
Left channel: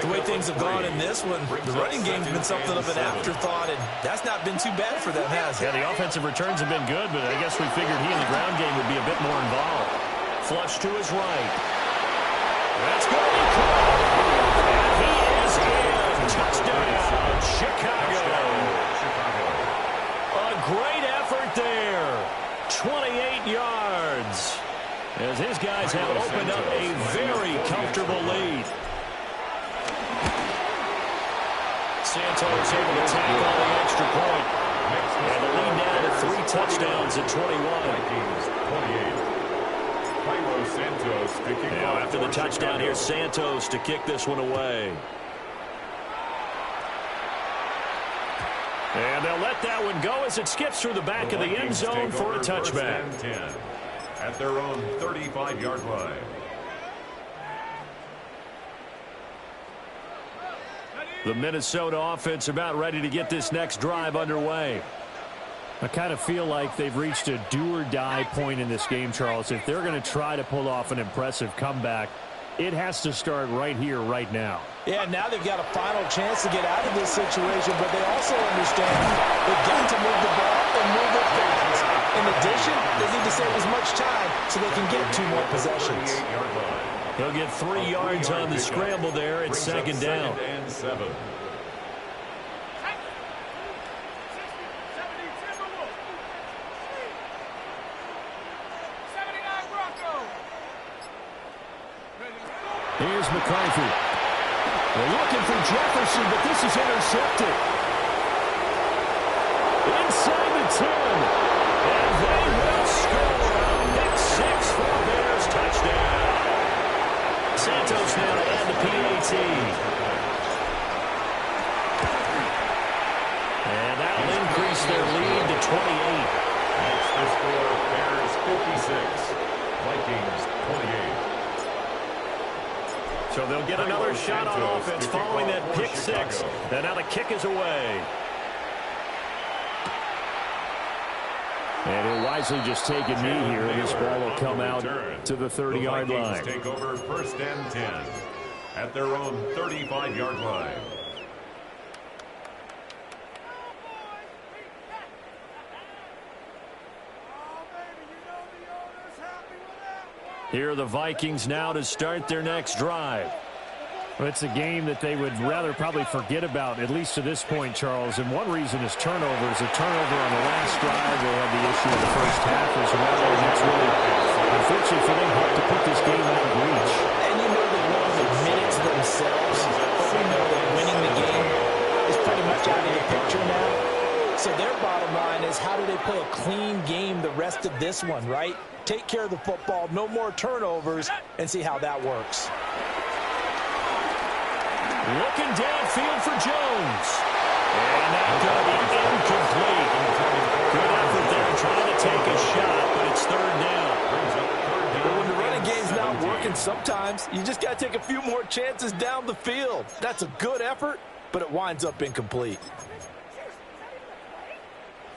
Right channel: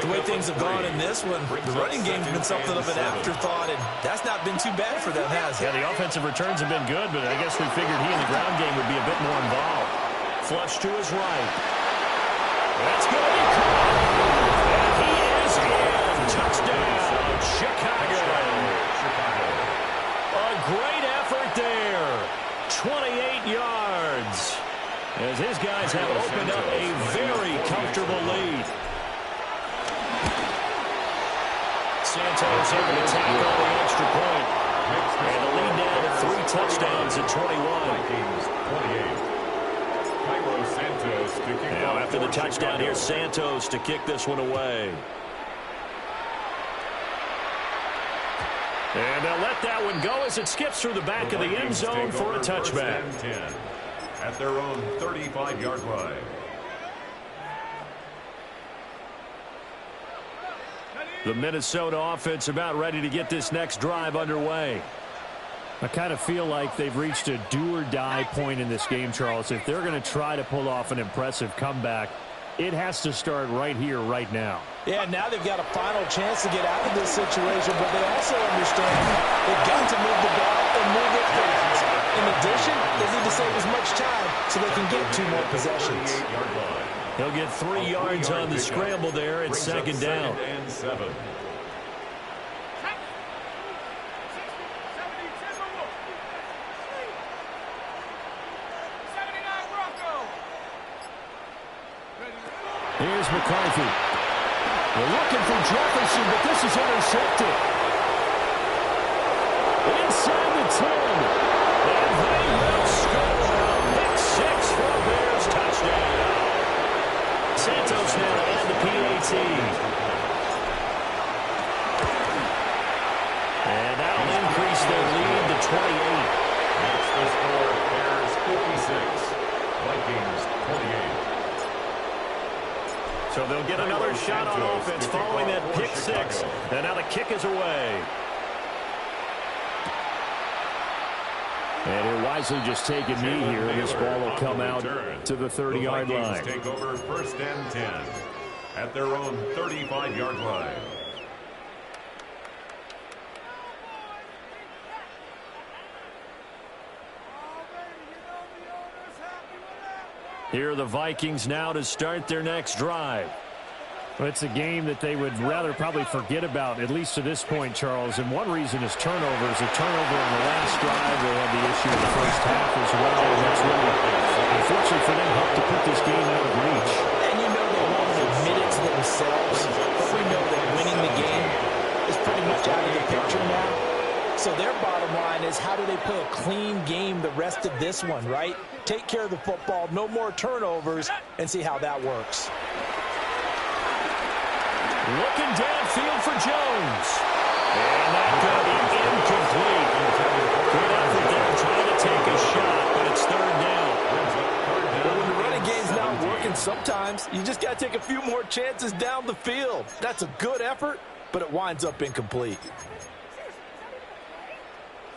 The way things have gone in this one, the running game's been something of an afterthought, and that's not been too bad for them, has it? Yeah, the offensive returns have been good, but I guess we figured he in the ground game would be a bit more involved. Flush to his right. That's going to be caught. And he is in. Touchdown, Chicago. A great effort there. 28 yards. As his guys have opened up a very comfortable lead. Santos able to tackle the extra point. And the lead down to 3 touchdowns at 21. Vikings 28. Cairo Santos to kick off. After the touchdown, here's Santos to kick this one away. And they'll let that one go as it skips through the back of the end zone for a touchback. 10 at their own 35-yard line. The Minnesota offense about ready to get this next drive underway. I kind of feel like they've reached a do-or-die point in this game, Charles. If they're going to try to pull off an impressive comeback, it has to start right here, right now. Yeah, now they've got a final chance to get out of this situation, but they also understand they've got to move the ball and move it fast. In addition, they need to save as much time so they can get 2 more possessions. He'll get 3 yards on the scramble there at 2nd down. And 7. Here's McCarthy. They're looking for Jefferson, but this is intercepted. Inside the 10. And they will score. Pick 6 for a Bears touchdown. Santos now to add the PAT. And that'll increase their lead to 28. Makes the score Bears 56. Vikings 28. So they'll get another shot on offense following that pick 6. And now the kick is away. And he'll wisely just take a knee here, and this ball will come out to the 30-yard line. Take over 1st and 10 at their own 35-yard line. Here are the Vikings now to start their next drive. Well, it's a game that they would rather probably forget about, at least to this point, Charles. And one reason is turnovers. A turnover on the last drive. They had the issue in the first half as well. And that's really, unfortunately for them, helped to put this game out of reach. And you know they won't admit it to themselves, but we know that winning the game is pretty much out of the picture now. So their bottom line is, how do they play a clean game the rest of this one, right? Take care of the football, no more turnovers, and see how that works. Looking downfield for Jones. And that's going to be incomplete. Good effort there trying to take a shot, but it's 3rd down. But when the running game's not working, sometimes you just got to take a few more chances down the field. That's a good effort, but it winds up incomplete.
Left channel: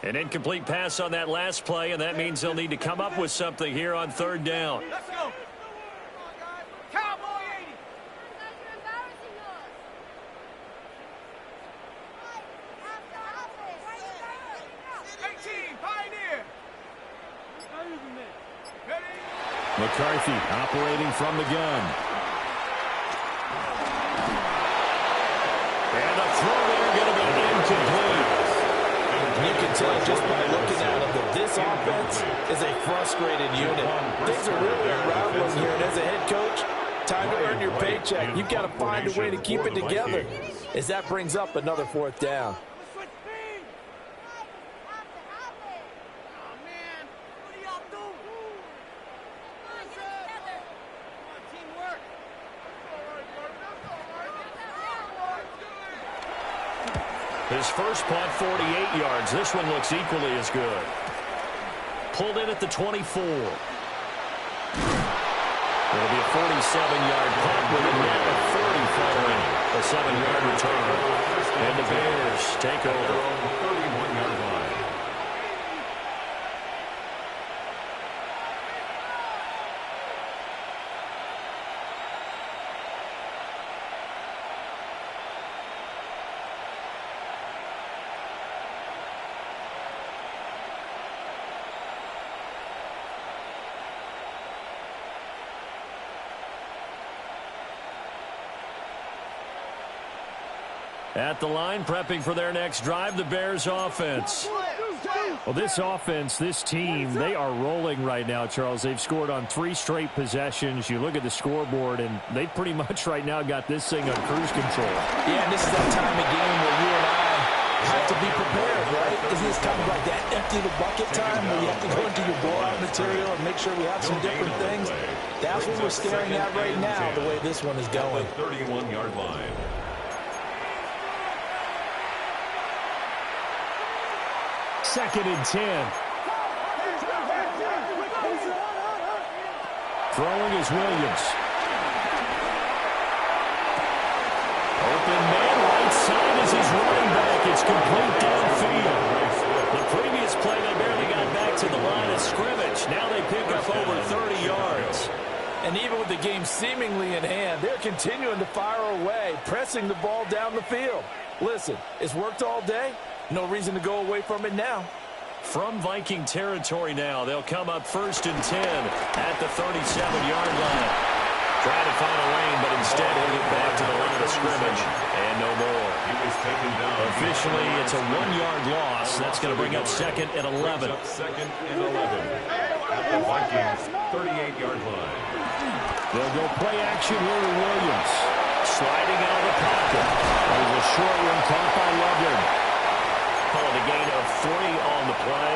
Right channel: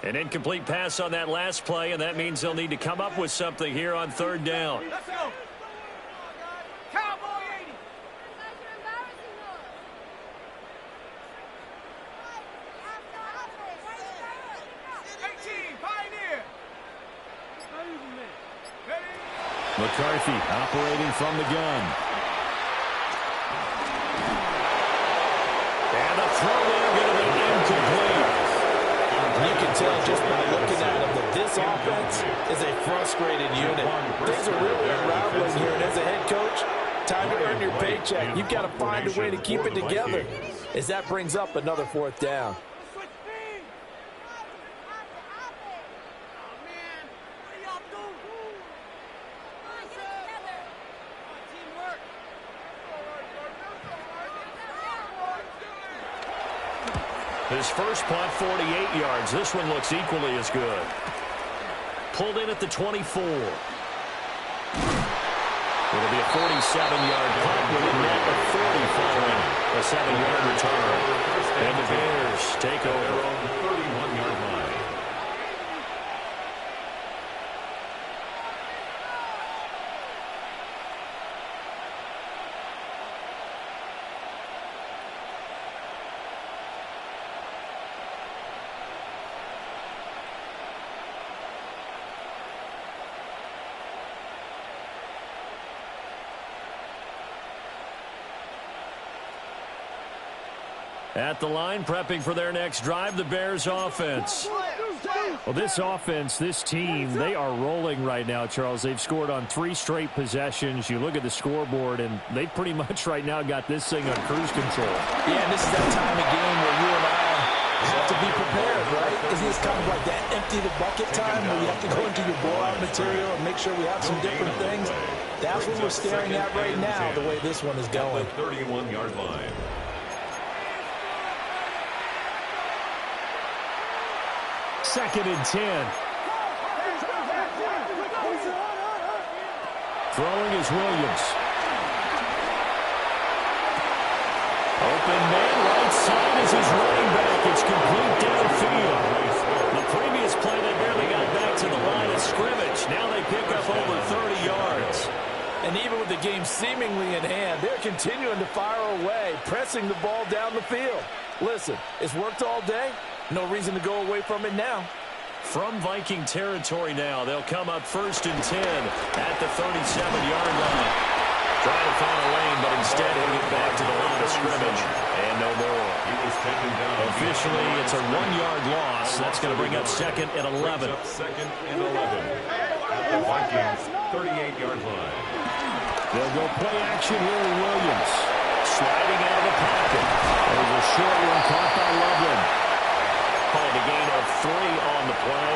An incomplete pass on that last play, and that means they'll need to come up with something here on 3rd down. Let's go. Cowboy 80. McCarthy operating from the gun. And the throw there going to be incomplete. And you can tell just by looking at them that this offense is a frustrated unit. Things are really unraveling here, and as a head coach, time to earn your paycheck. You've got to find a way to keep it together as that brings up another 4th down. His first punt, 48 yards. This one looks equally as good. Pulled in at the 24. It'll be a 47-yard punt with a net of 40 following a 7-yard return. And the Bears take over. 31-yard line. At the line, prepping for their next drive, the Bears offense. Well, this offense, this team, they are rolling right now, Charles. They've scored on 3 straight possessions. You look at the scoreboard, and they pretty much right now got this thing on cruise control. Yeah, and this is that time of game where you and I have to be prepared, right? Isn't this kind of like that empty the bucket time where you have to go into your blowout material and make sure we have some different things? That's what we're staring at right now, the way this one is going. 31-yard line. Second and 10. Throwing is Williams. Open man, right side is his running back. It's complete downfield. The previous play, they barely got back to the line of scrimmage. Now they pick up over 30 yards. And even with the game seemingly in hand, they're continuing to fire away, pressing the ball down the field. Listen, it's worked all day. No reason to go away from it now. From Viking territory now, they'll come up 1st and 10 at the 37-yard line. Trying to find a lane, but instead he'll get back to the line of scrimmage. And no more. He was taken down. Officially, it's a 1-yard loss. That's going to bring up 2nd and 11. Second and 11 at the Vikings 38-yard line. They'll go play action here with Williams. Sliding out of the pocket. There's a short one caught by Loveland. Calling a gain of 3 on the play.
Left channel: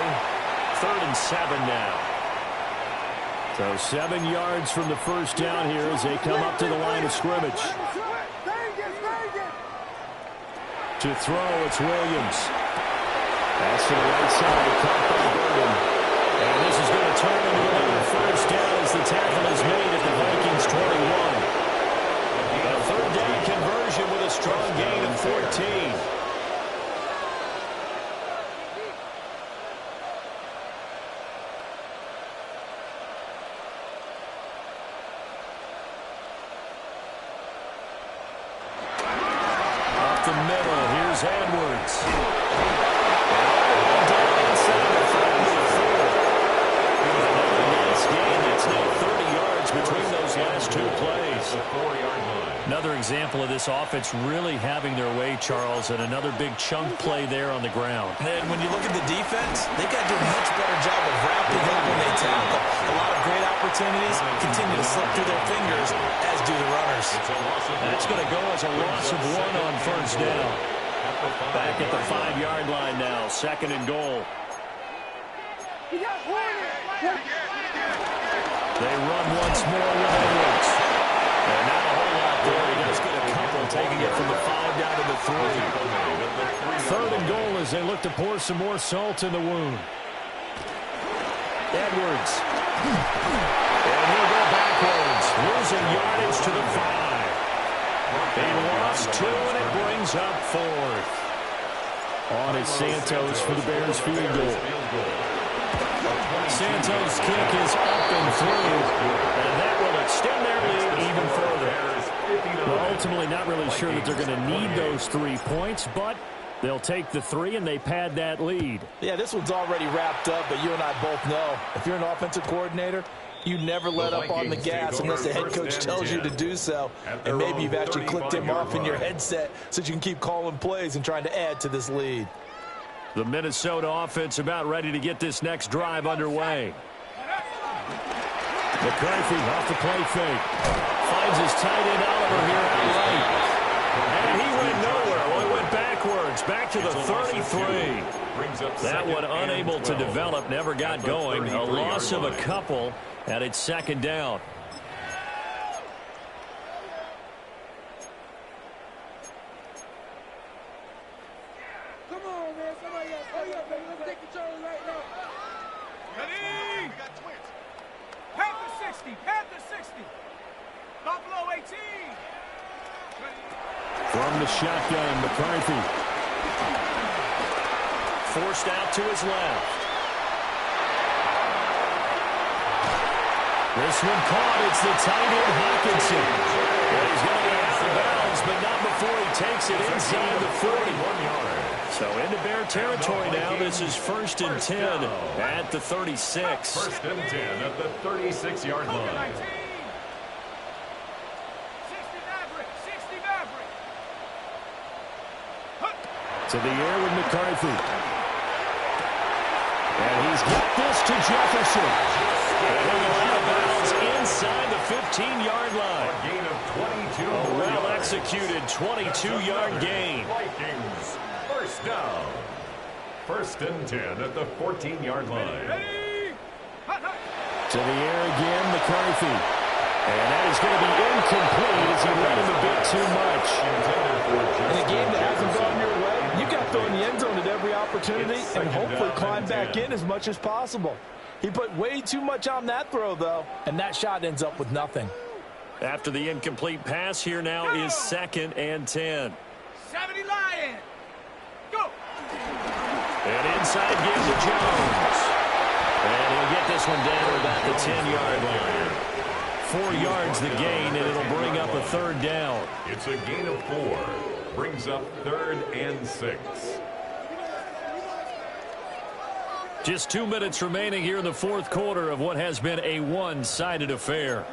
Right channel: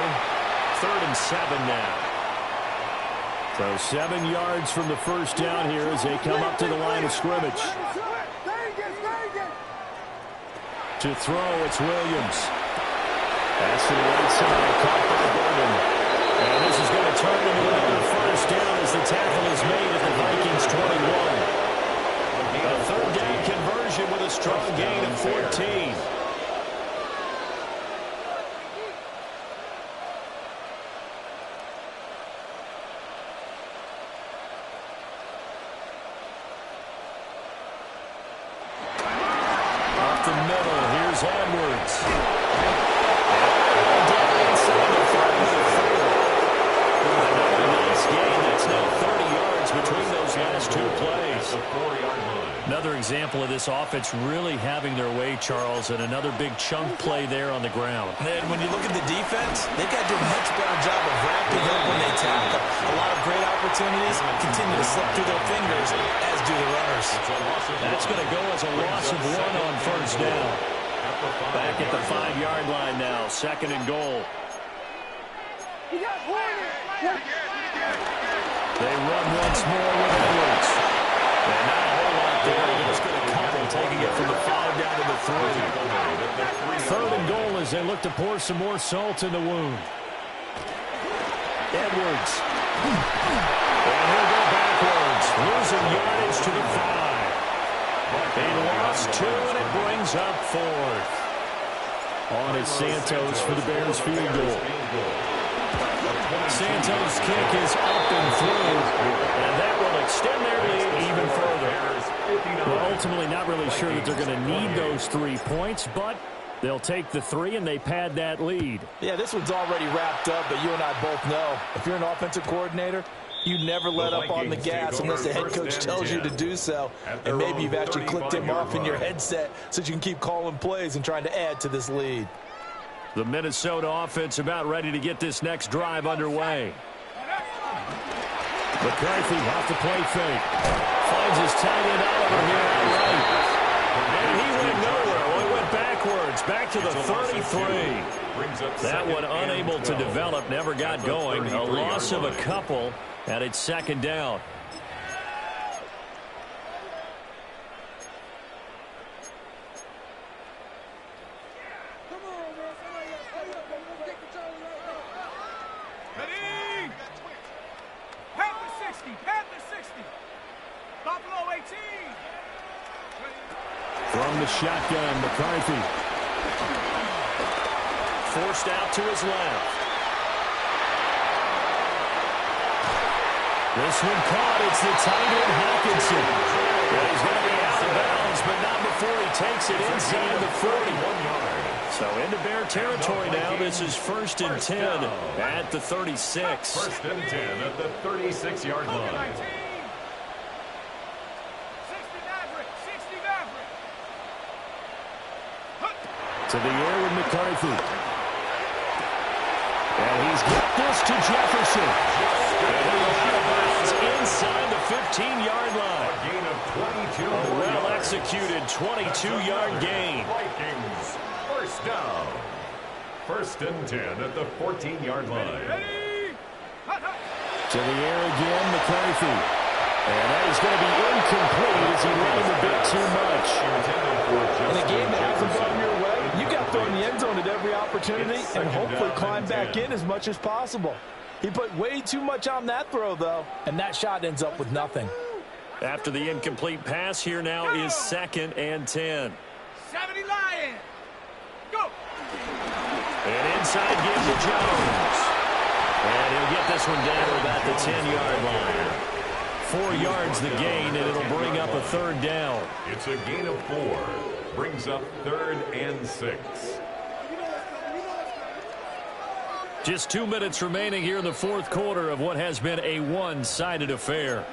3rd and 7 now. So 7 yards from the first down here as they come up to the line of scrimmage. To throw, it's Williams. Pass to the right side, caught by Burden. And this is going to turn into another first down as the tackle is made at the Vikings 21. A 3rd down conversion with a strong gain of 14. The middle, here's Edwards. And all the way down inside the 34. Another nice gain. That's now 30 yards between those last 2 plays. The 4-yard line. Another example of this offense really having their way, Charles, and another big chunk play there on the ground. And when you look at the defense, they've got to do a much better job of wrapping up when they tackle. A lot of great opportunities continue to slip through their fingers, as do the runners. That's going to go as a loss of 1 on first down. Back at the 5-yard line now, 2nd and goal. They run once more with Edwards. And not a whole lot there. He does get a couple, taking it from the 5 down to the 3. 3rd and goal as they look to pour some more salt in the wound. Edwards. And he'll go backwards, losing yardage to the 5. They lost 2, and it brings up 4th. On is Santos for the Bears field goal. Santos' kick is up and through, and that will extend their lead even further. Well, ultimately not really sure that they're going to need those 3 points, but they'll take the 3 and they pad that lead. Yeah, this one's already wrapped up, but you and I both know if you're an offensive coordinator, You never let up on the gas unless the head coach tells you to do so. And maybe you've actually clicked him off in your headset so you can keep calling plays and trying to add to this lead. The Minnesota offense about ready to get this next drive underway. McCarthy off the play fake. Finds his tight end Oliver here outright. And he went nowhere. Well, he went backwards. Back to the 33. That one unable to develop. Never got going. A loss of a couple. And it's second down. Come on, man. Somebody else. Hurry up, baby. Let's take control right now. Ready? Panther 60. Panther 60. Buffalo 18. From the shotgun, McCarthy. Forced out to his left. This one caught. It's the tight end Hawkinson. Well, he's going to be out of bounds, but not before he takes it inside the 41 yard. So into Bear territory now. This is 1st and 10 at the 36. 1st and 10 at the 36-yard line. 60 Maverick. 60 Maverick. To the air with McCarthy. And he's got this to Jefferson. And he'll go out of bounds inside the 15-yard line. A gain of 22. A well-executed 22-yard gain. Vikings, first down. 1st and 10 at the 14-yard line. Ready? Hut, hut. To the air again, McCarthy. And that is going to be incomplete as he led him a bit too much. In a game that hasn't gone your way, you got to throw in the end zone at every opportunity and hopefully climb back in as much as possible. He put way too much on that throw, though, and that shot ends up with nothing. After the incomplete pass, here now is 2nd and 10. 70 Lions. Go. And inside give to Jones. And he'll get this one down to about the 10-yard line. 4 yards the gain, and it'll bring up a 3rd down. It's a gain of 4. Brings up 3rd and 6. Just 2 minutes remaining here in the 4th quarter of what has been a one-sided affair.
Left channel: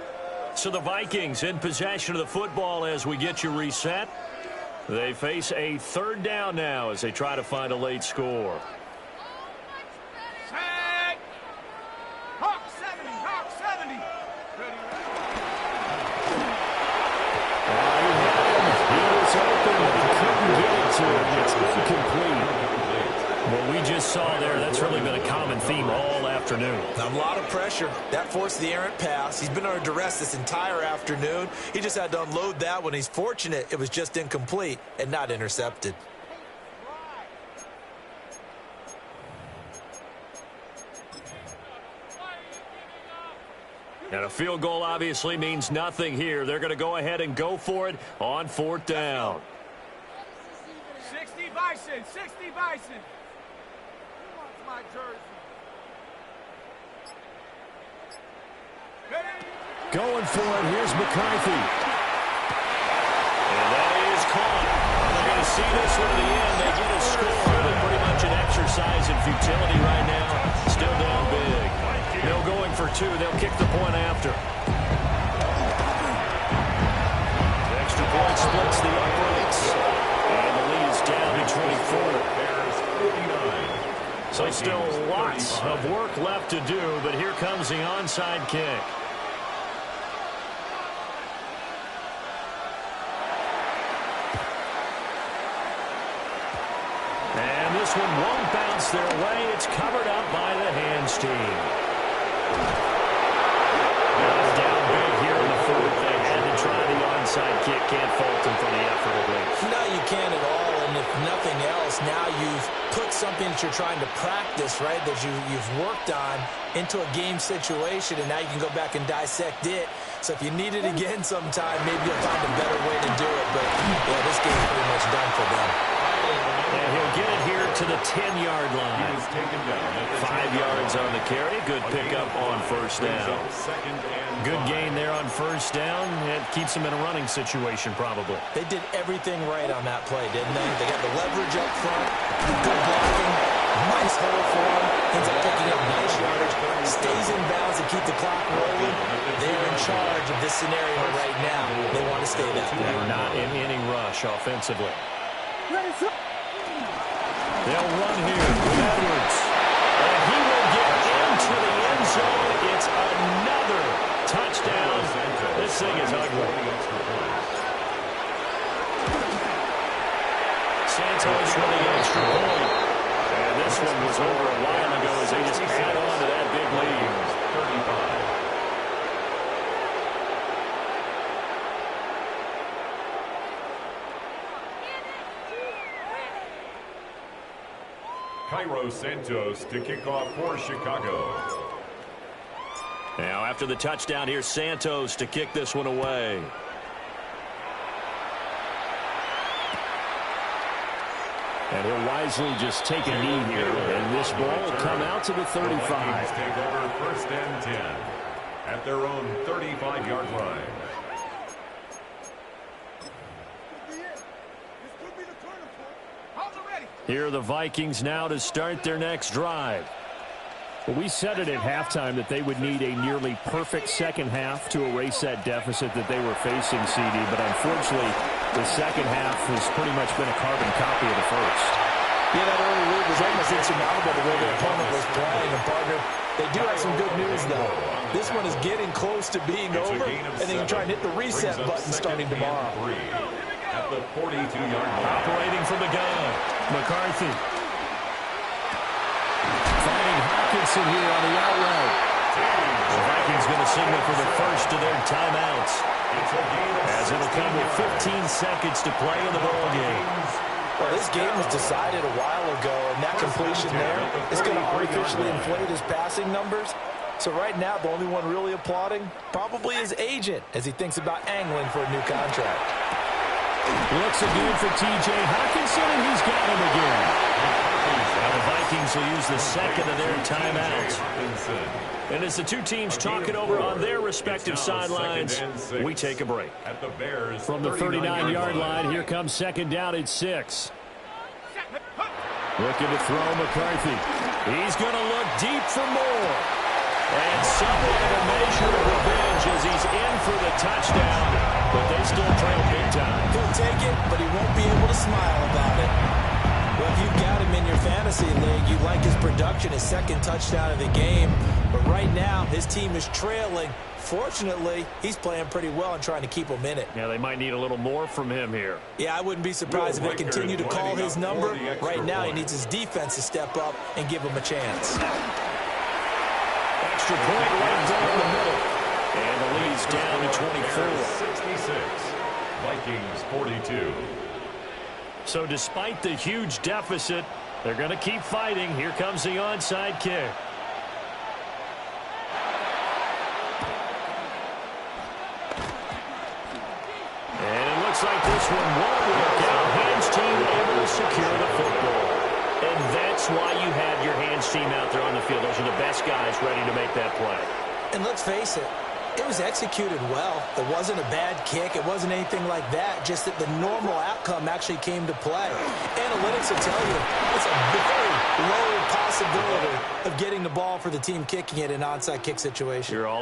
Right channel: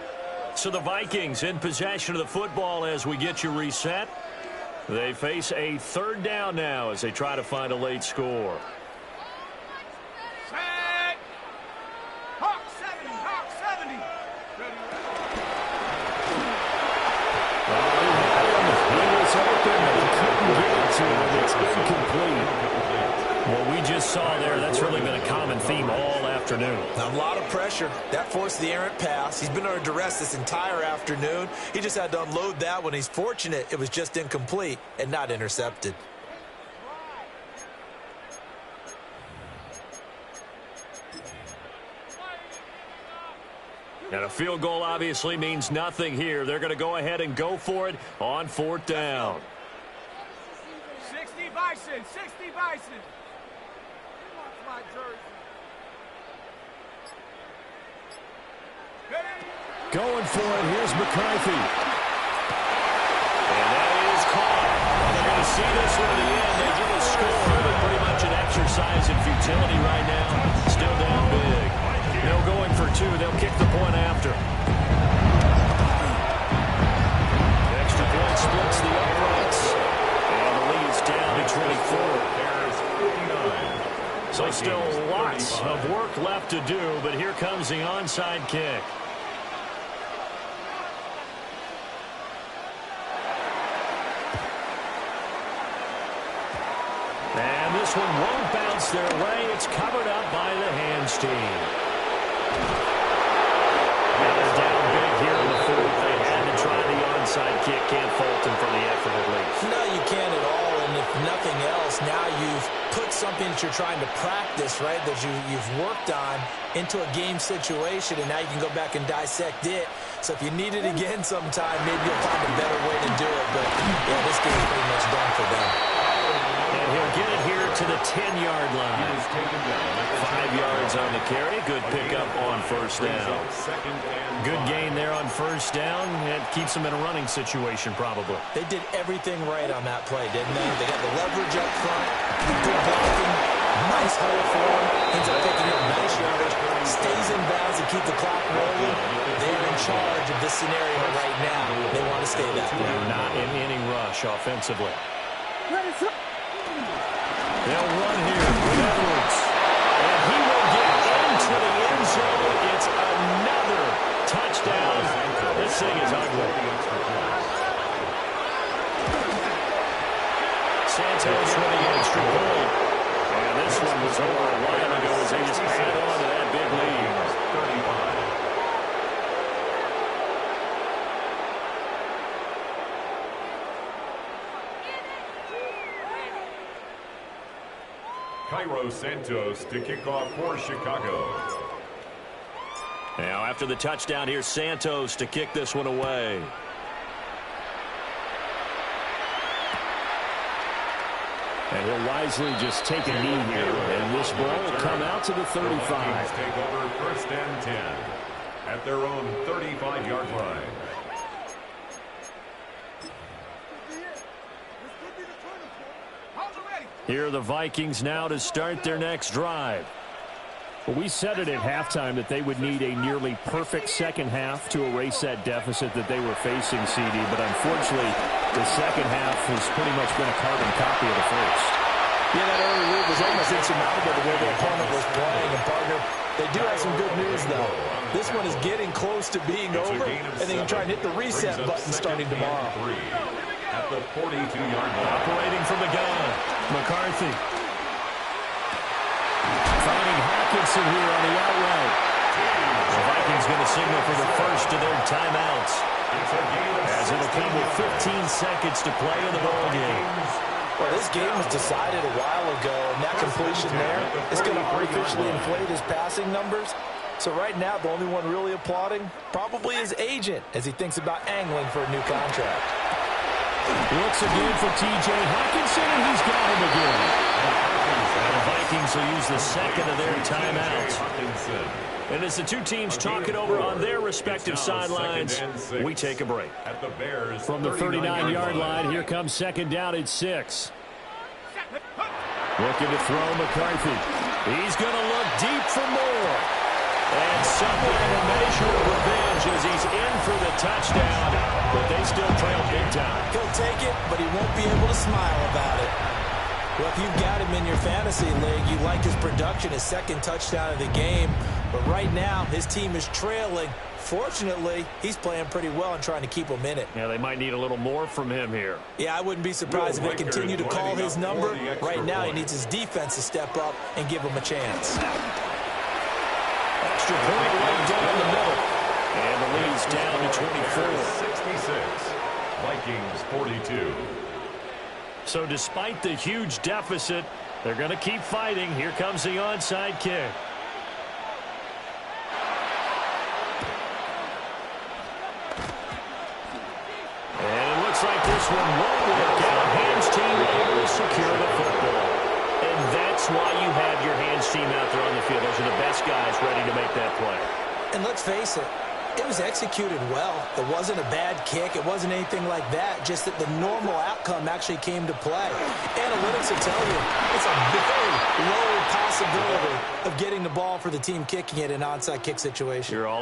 So the Vikings in possession of the football as we get you reset. They face a 3rd down now as they try to find a late score. Set. Hawk 70. Hawk 70. Ready? He had him. He was open, but he couldn't get it to him. It's incomplete. What we just saw there, that's really been a common theme all afternoon. A lot of pressure. That forced the errant pass. He's been under duress this entire afternoon. He just had to unload that one. He's fortunate it was just incomplete and not intercepted. And a field goal obviously means nothing here. They're going to go ahead and go for it on 4th down. 60 Bison. 60 Bison. Who wants my jersey? Ready? Going for it. Here's McCarthy. And that is caught. Well, they're going to see this one to the end. They get a score, but pretty much an exercise in futility right now. Still down big. No going for 2. They'll kick the point after. The extra point splits the uprights. And the lead is down to 24. Bears 59. So still lots of work left to do, but here comes the onside kick. And this one won't bounce their way. It's covered up by the hands team. Now they're down big here in the 4th. They had to try the onside kick. Can't fault them for the effort at least. No, you can't at all. And if nothing else, now you've put something that you're trying to practice, right, that you've worked on into a game situation, and now you can go back and dissect it. So if you need it again sometime, maybe you'll find a better way to do it. But, yeah, this game's pretty much done for them. And he'll get it here to the 10-yard line. 5 yards on the carry. Good pickup on 1st down. Good gain there on 1st down. It keeps them in a running situation probably. They did everything right on that play, didn't they? They got the leverage up front, good blocking, Nice hole for him. Ends up picking up nice yardage. Stays in bounds and keep the clock rolling. They're in charge of this scenario right now. They want to stay that way. Not in any rush offensively. They'll run here with Edwards. And he will get into the end zone. It's another touchdown. This thing is ugly. Santos with the extra point. And this one was over a while ago as they just add on to that big lead. 35. Cairo Santos to kick off for Chicago. Now after the touchdown, here's Santos to kick this one away. And he'll wisely just take a knee here. And this ball will come out to the 35. The Vikings take over 1st and 10 at their own 35-yard line. Here are the Vikings now to start their next drive. Well, we said it at halftime that they would need a nearly perfect second half to erase that deficit that they were facing, CD. But unfortunately, the second half has pretty much been a carbon copy of the first. Yeah, that early lead was almost insurmountable the way the opponent was playing. And, partner, they do have some good news, though. This one is getting close to being over, and they can try and hit the reset button starting tomorrow. At the 42-yard line. Operating from the gun, McCarthy. Finding Hawkinson here on the out route. The Vikings going to signal for the first of their timeouts. As it'll come with 15 seconds to play in the ball game. Well, this game was decided a while ago, and that completion there is going to artificially inflate his passing numbers. So right now, the only one really applauding probably his agent as he thinks about angling for a new contract. Looks again for T.J. Hawkinson, and he's got him again. The Vikings will use the second of their timeouts. And as the two teams talk it over on their respective sidelines, we take a break. From the 39-yard line, here comes second down at 6. Looking to throw McCarthy. He's going to look deep for more. And somewhat of a measure of revenge as he's in for the touchdown. But they still trail big time. He'll take it, but he won't be able to smile about it. Well, if you've got him in your fantasy league, you like his production, his second touchdown of the game. But right now, his team is trailing. Fortunately, he's playing pretty well and trying to keep them in it. Yeah, they might need a little more from him here. Yeah, I wouldn't be surprised if they continue to call his number. Right now, he needs his defense to step up and give him a chance. Extra point right down the middle. And the lead's down to 24. 66. Vikings 42. So despite the huge deficit, they're going to keep fighting. Here comes the onside kick. And it looks like this one won't work out. Hands team able to secure the football. And that's why you have your hands team out there on the field. Those are the best guys ready to make that play. And let's face it, it was executed well. It wasn't a bad kick. It wasn't anything like that. Just that the normal outcome actually came to play. Analytics will tell you it's a very low possibility of getting the ball for the team kicking it in an onside kick situation. You're all